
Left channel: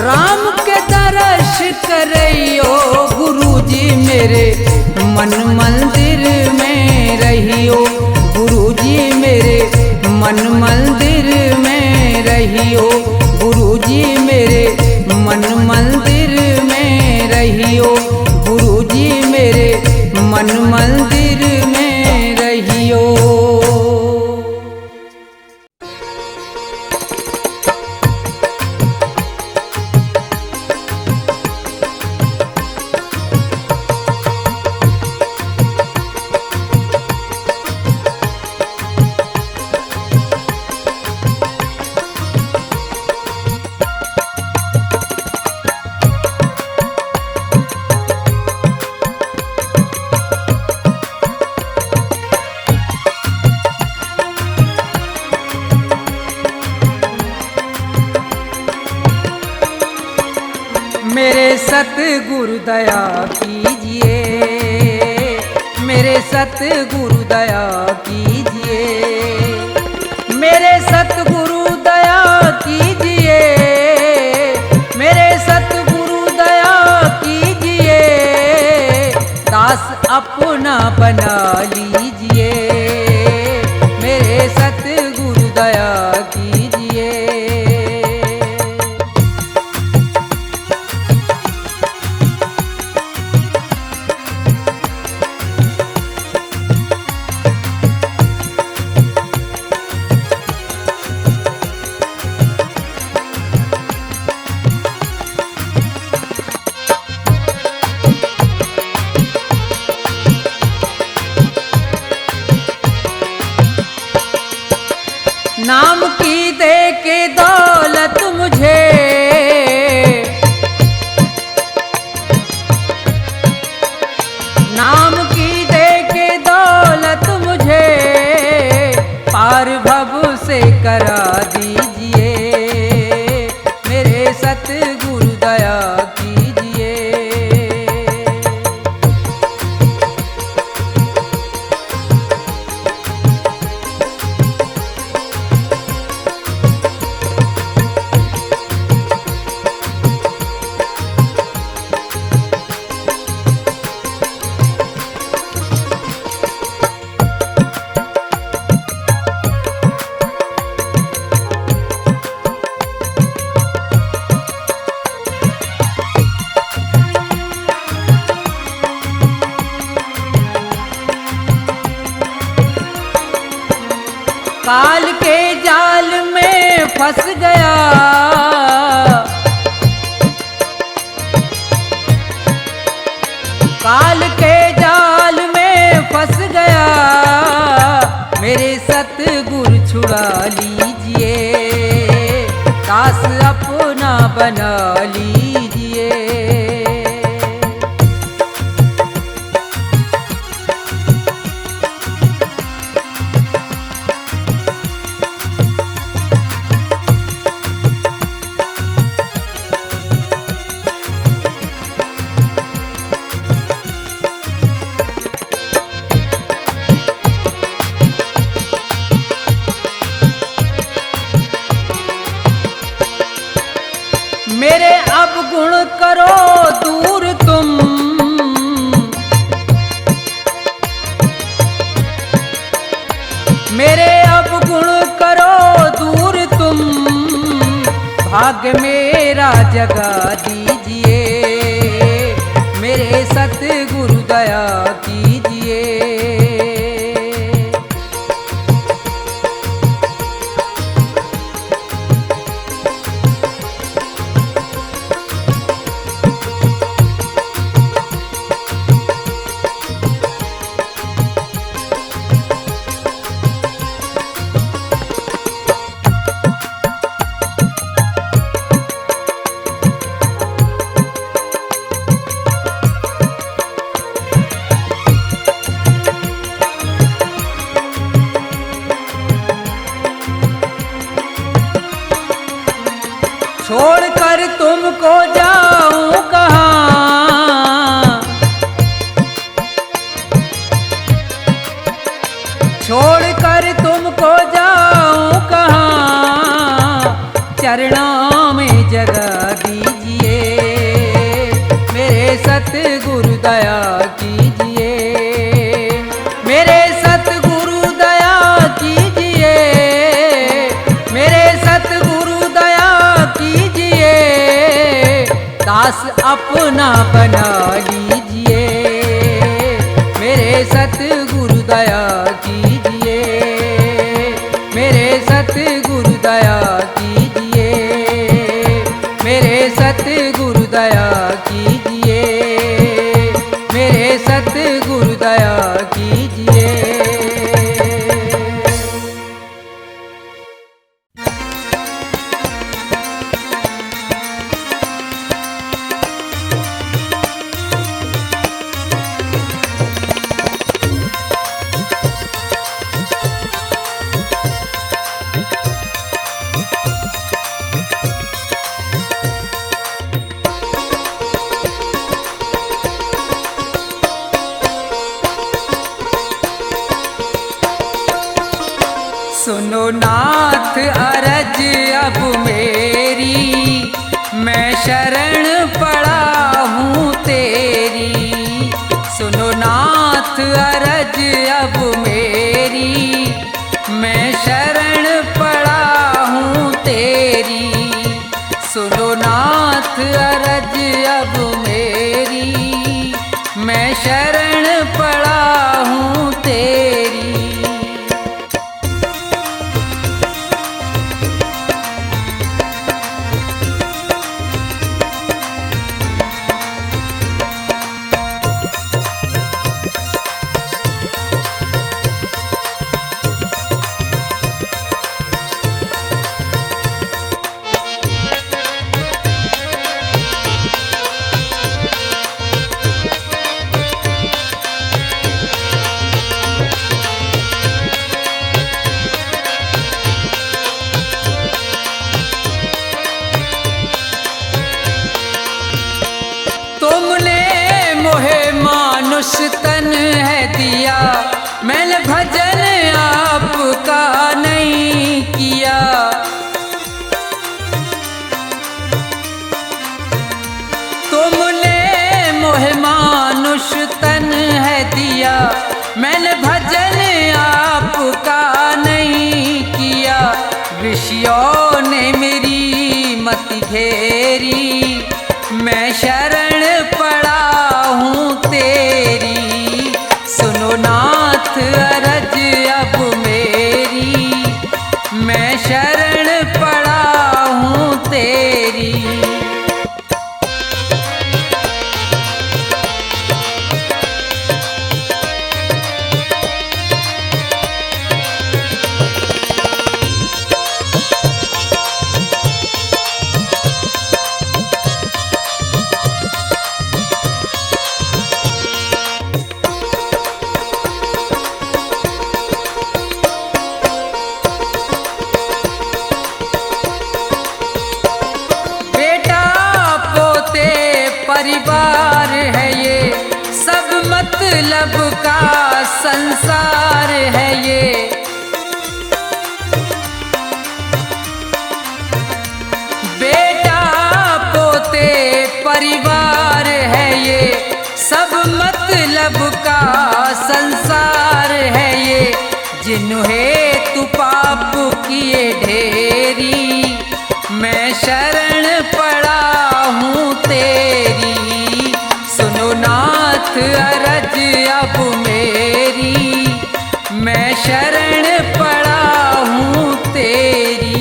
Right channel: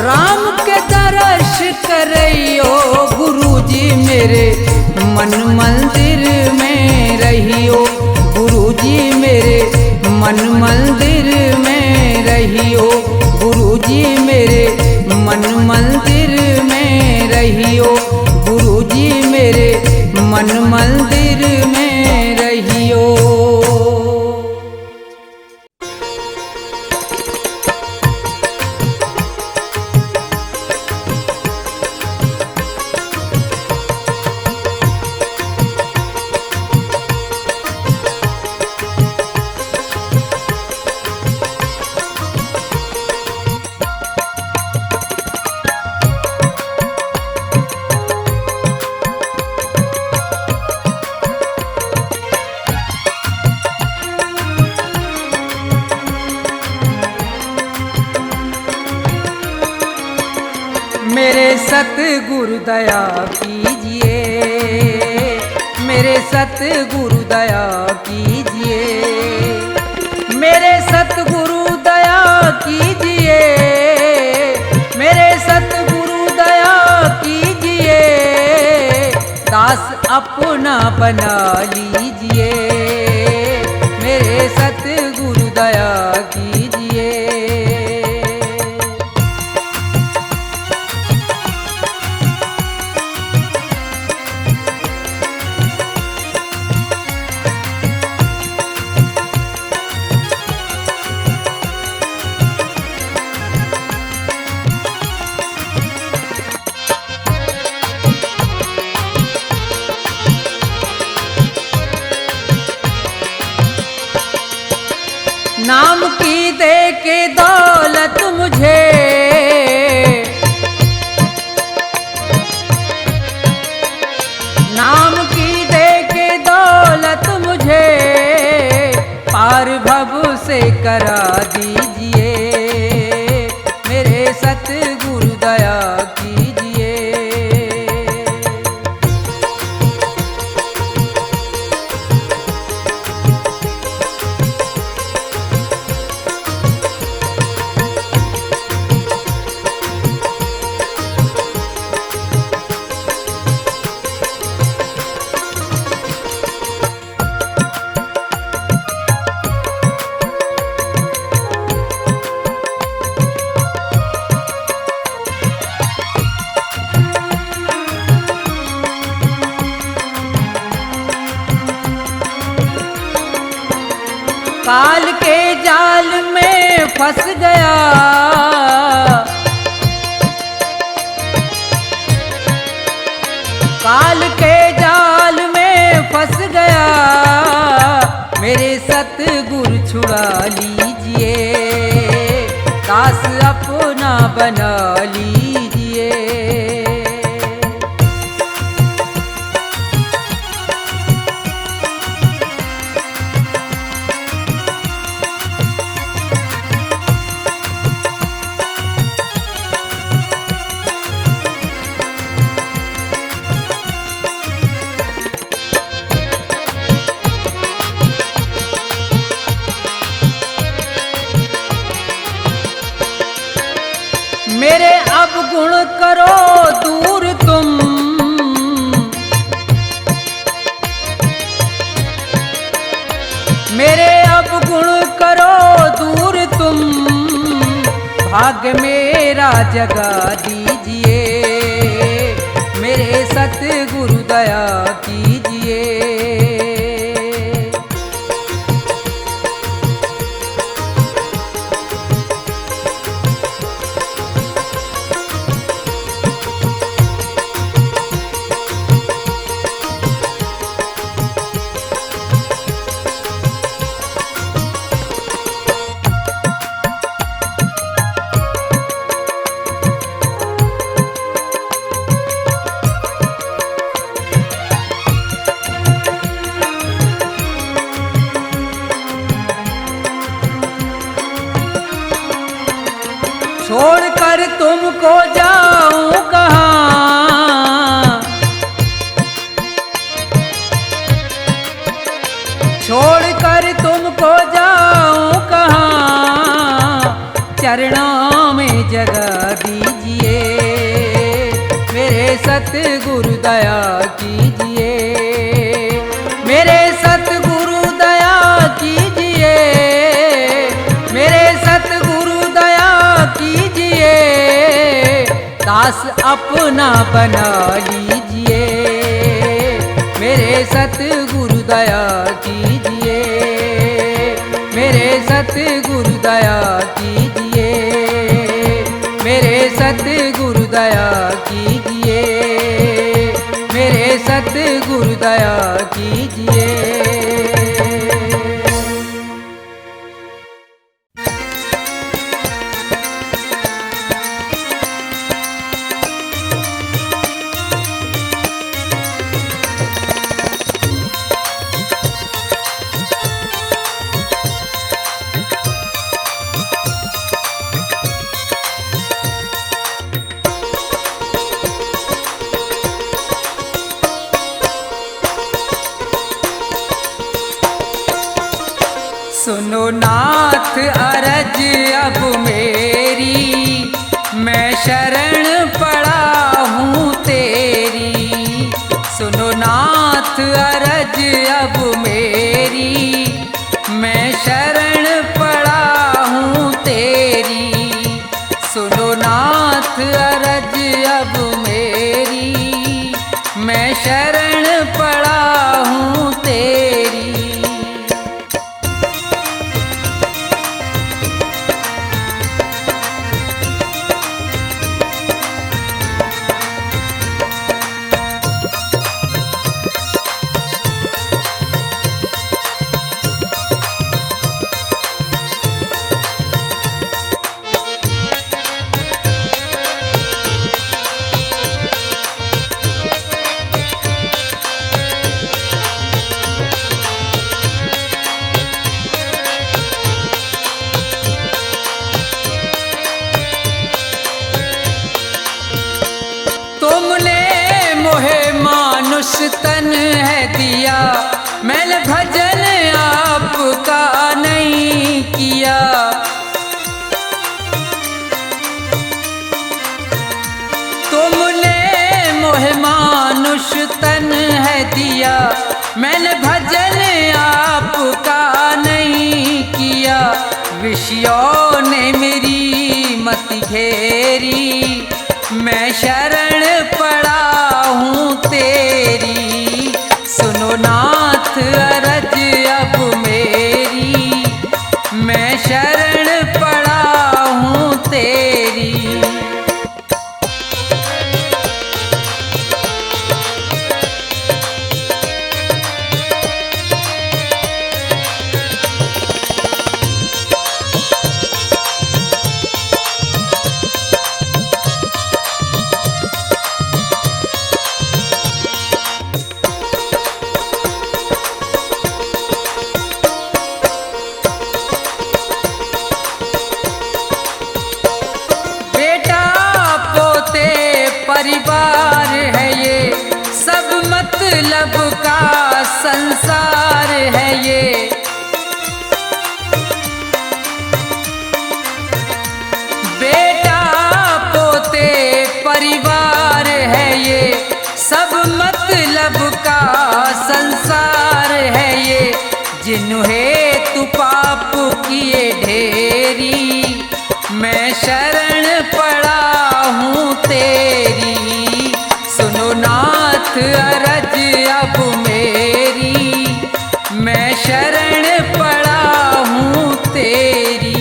राम के दर्श करइयो गुरुजी मेरे मन मंदिर में रहियो, गुरुजी मेरे मन मंदिर में रहियो, गुरुजी मेरे मन मंदिर में रहियो, गुरुजी मेरे मन मंदिर में रहियो। मेरे सतगुरु दया कीजिए, मेरे सतगुरु दया कीजिए, मेरे सतगुरु दया कीजिए, बना लीजिए, मेरे सतगुरु दया कीजिए। नाम की दे के दौलत मुझे, नाम की दे के दौलत मुझे पार भव से करा दीजिए, मेरे सतगुरु दया कीजिए। काल के जाल में फंस गया, काल के जाल में फंस गया, मेरे सतगुरु छुड़ा लीजिए, दास अपना बना लीजिए। मेरे अवगुण करो दूर तुम, मेरे अवगुण करो दूर तुम, भाग्य मेरा जगा दीजिए, मेरे सतगुरु दया कीजिए। छोड़कर तुमको जाऊं कहाँ, छोड़कर तुमको जाऊं कहाँ, चरणों में जगा दीजिए, मेरे सतगुरु दया कीजिए, मेरे सतगुरु दया कीजिए, मेरे सतगुरु दया कीजिए, दास अपना बना लीजिए, मेरे सतगुरु दया कीजिए, मेरे सतगुरु दया कीजिए, मेरे सतगुरु दया कीजिए, मेरे सतगुरु दया कीजिए। सुनो नाथ अरज अब मेरी, मैं शरण पड़ा हूँ तेरी। सुनो नाथ नाथ अरज अब मेरी, मैं शरण पड़ा हूँ तेरी। सुनो नाथ अरज अब मेरी, मैं शरण पड़ा हूँ तेरी। तुमने मोहे मानुष तन है दिया, मैंने भजन आपका नहीं किया। तुमने मोहे मानुष तन है दिया, मैंने भजन आपका नहीं किया। विषयों ने मेरी मति घेरी, मैं शरण पड़ा हूँ तेरी। सुनो नाथ अरज अब मेरी, मैं शरण पड़ा हूँ तेरी। परिवार है ये, सब मतलब का संसार है ये। बेटा पोते परिवार है ये, सब मतलब का संसार है ये। जिन्हें तू पाप किए ढेरी, मैं शरण पड़ा हूँ तेरी। सुनो नाथ अरज अब मेरी, मैं शरण पड़ा हूँ तेरी।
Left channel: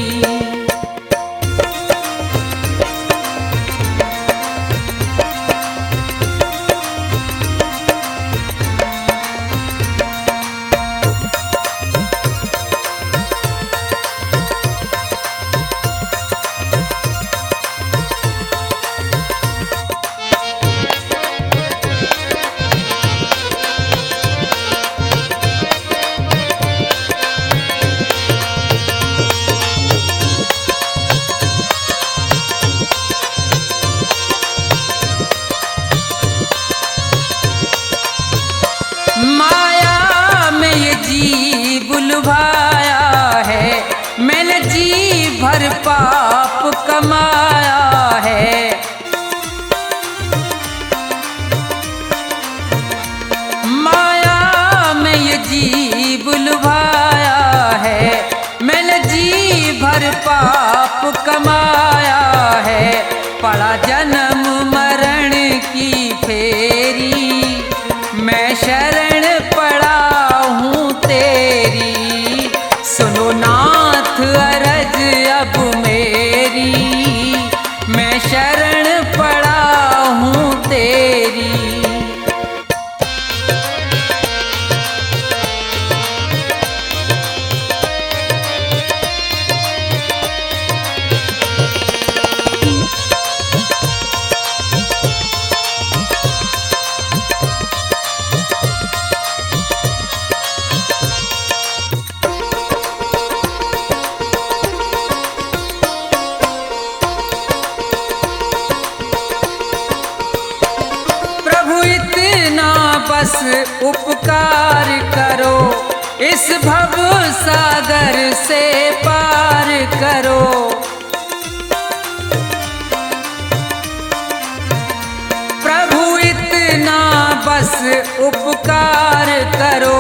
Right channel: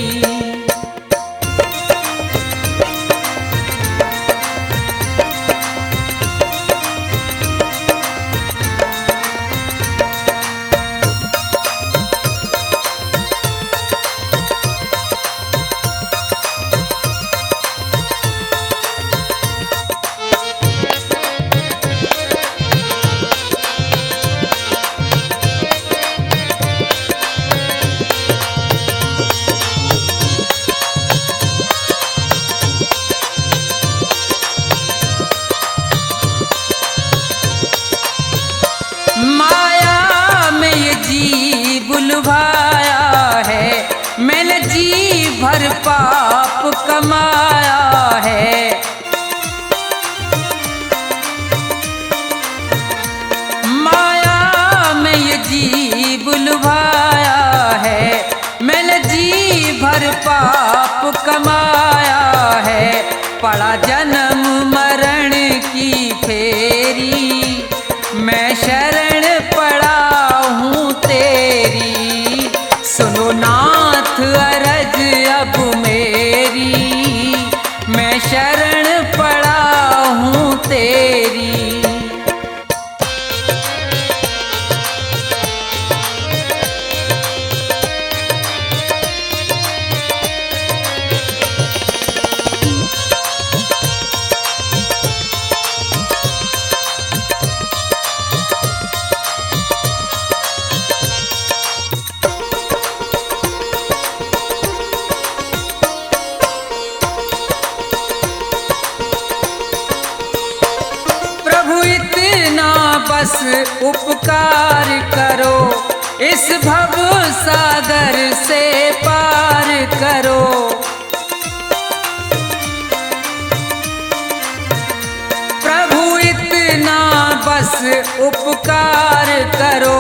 माया में ये जीव लुभाया है, मैंने जी भर पाप कमाया है। माया में ये जीव लुभाया है, मैंने जी भर पाप कमाया है। पड़ा जन्म मरण की फेरी, मैं शरण पड़ा हूँ तेरी। सुनो नाथ अरज अब मेरी, मैं शरण पड़ा हूँ तेरी। बस उपकार करो, इस भव सागर से पार करो। प्रभु इतना बस बस उपकार करो,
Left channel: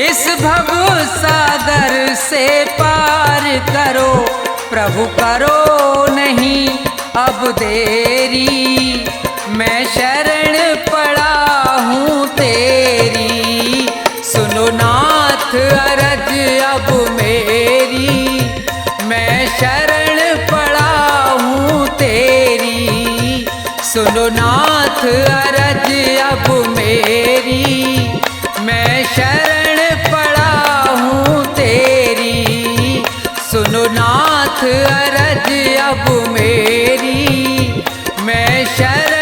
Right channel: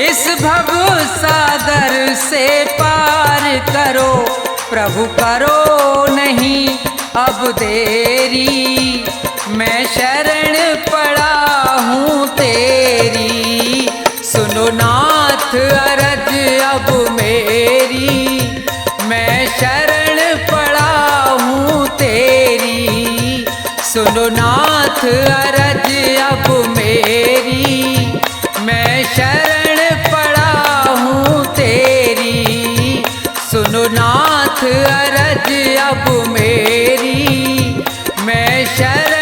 इस भव सागर से पार करो। प्रभु करो नहीं अब देरी, मैं शरण पड़ा हूँ तेरी। सुनो नाथ अरज अब मेरी, मैं शरण पड़ा हूँ तेरी। सुनो नाथ अरज अब मेरी, मैं शरण पड़ा हूँ तेरी। सुनो नाथ अरज अब मेरी, मैं शरण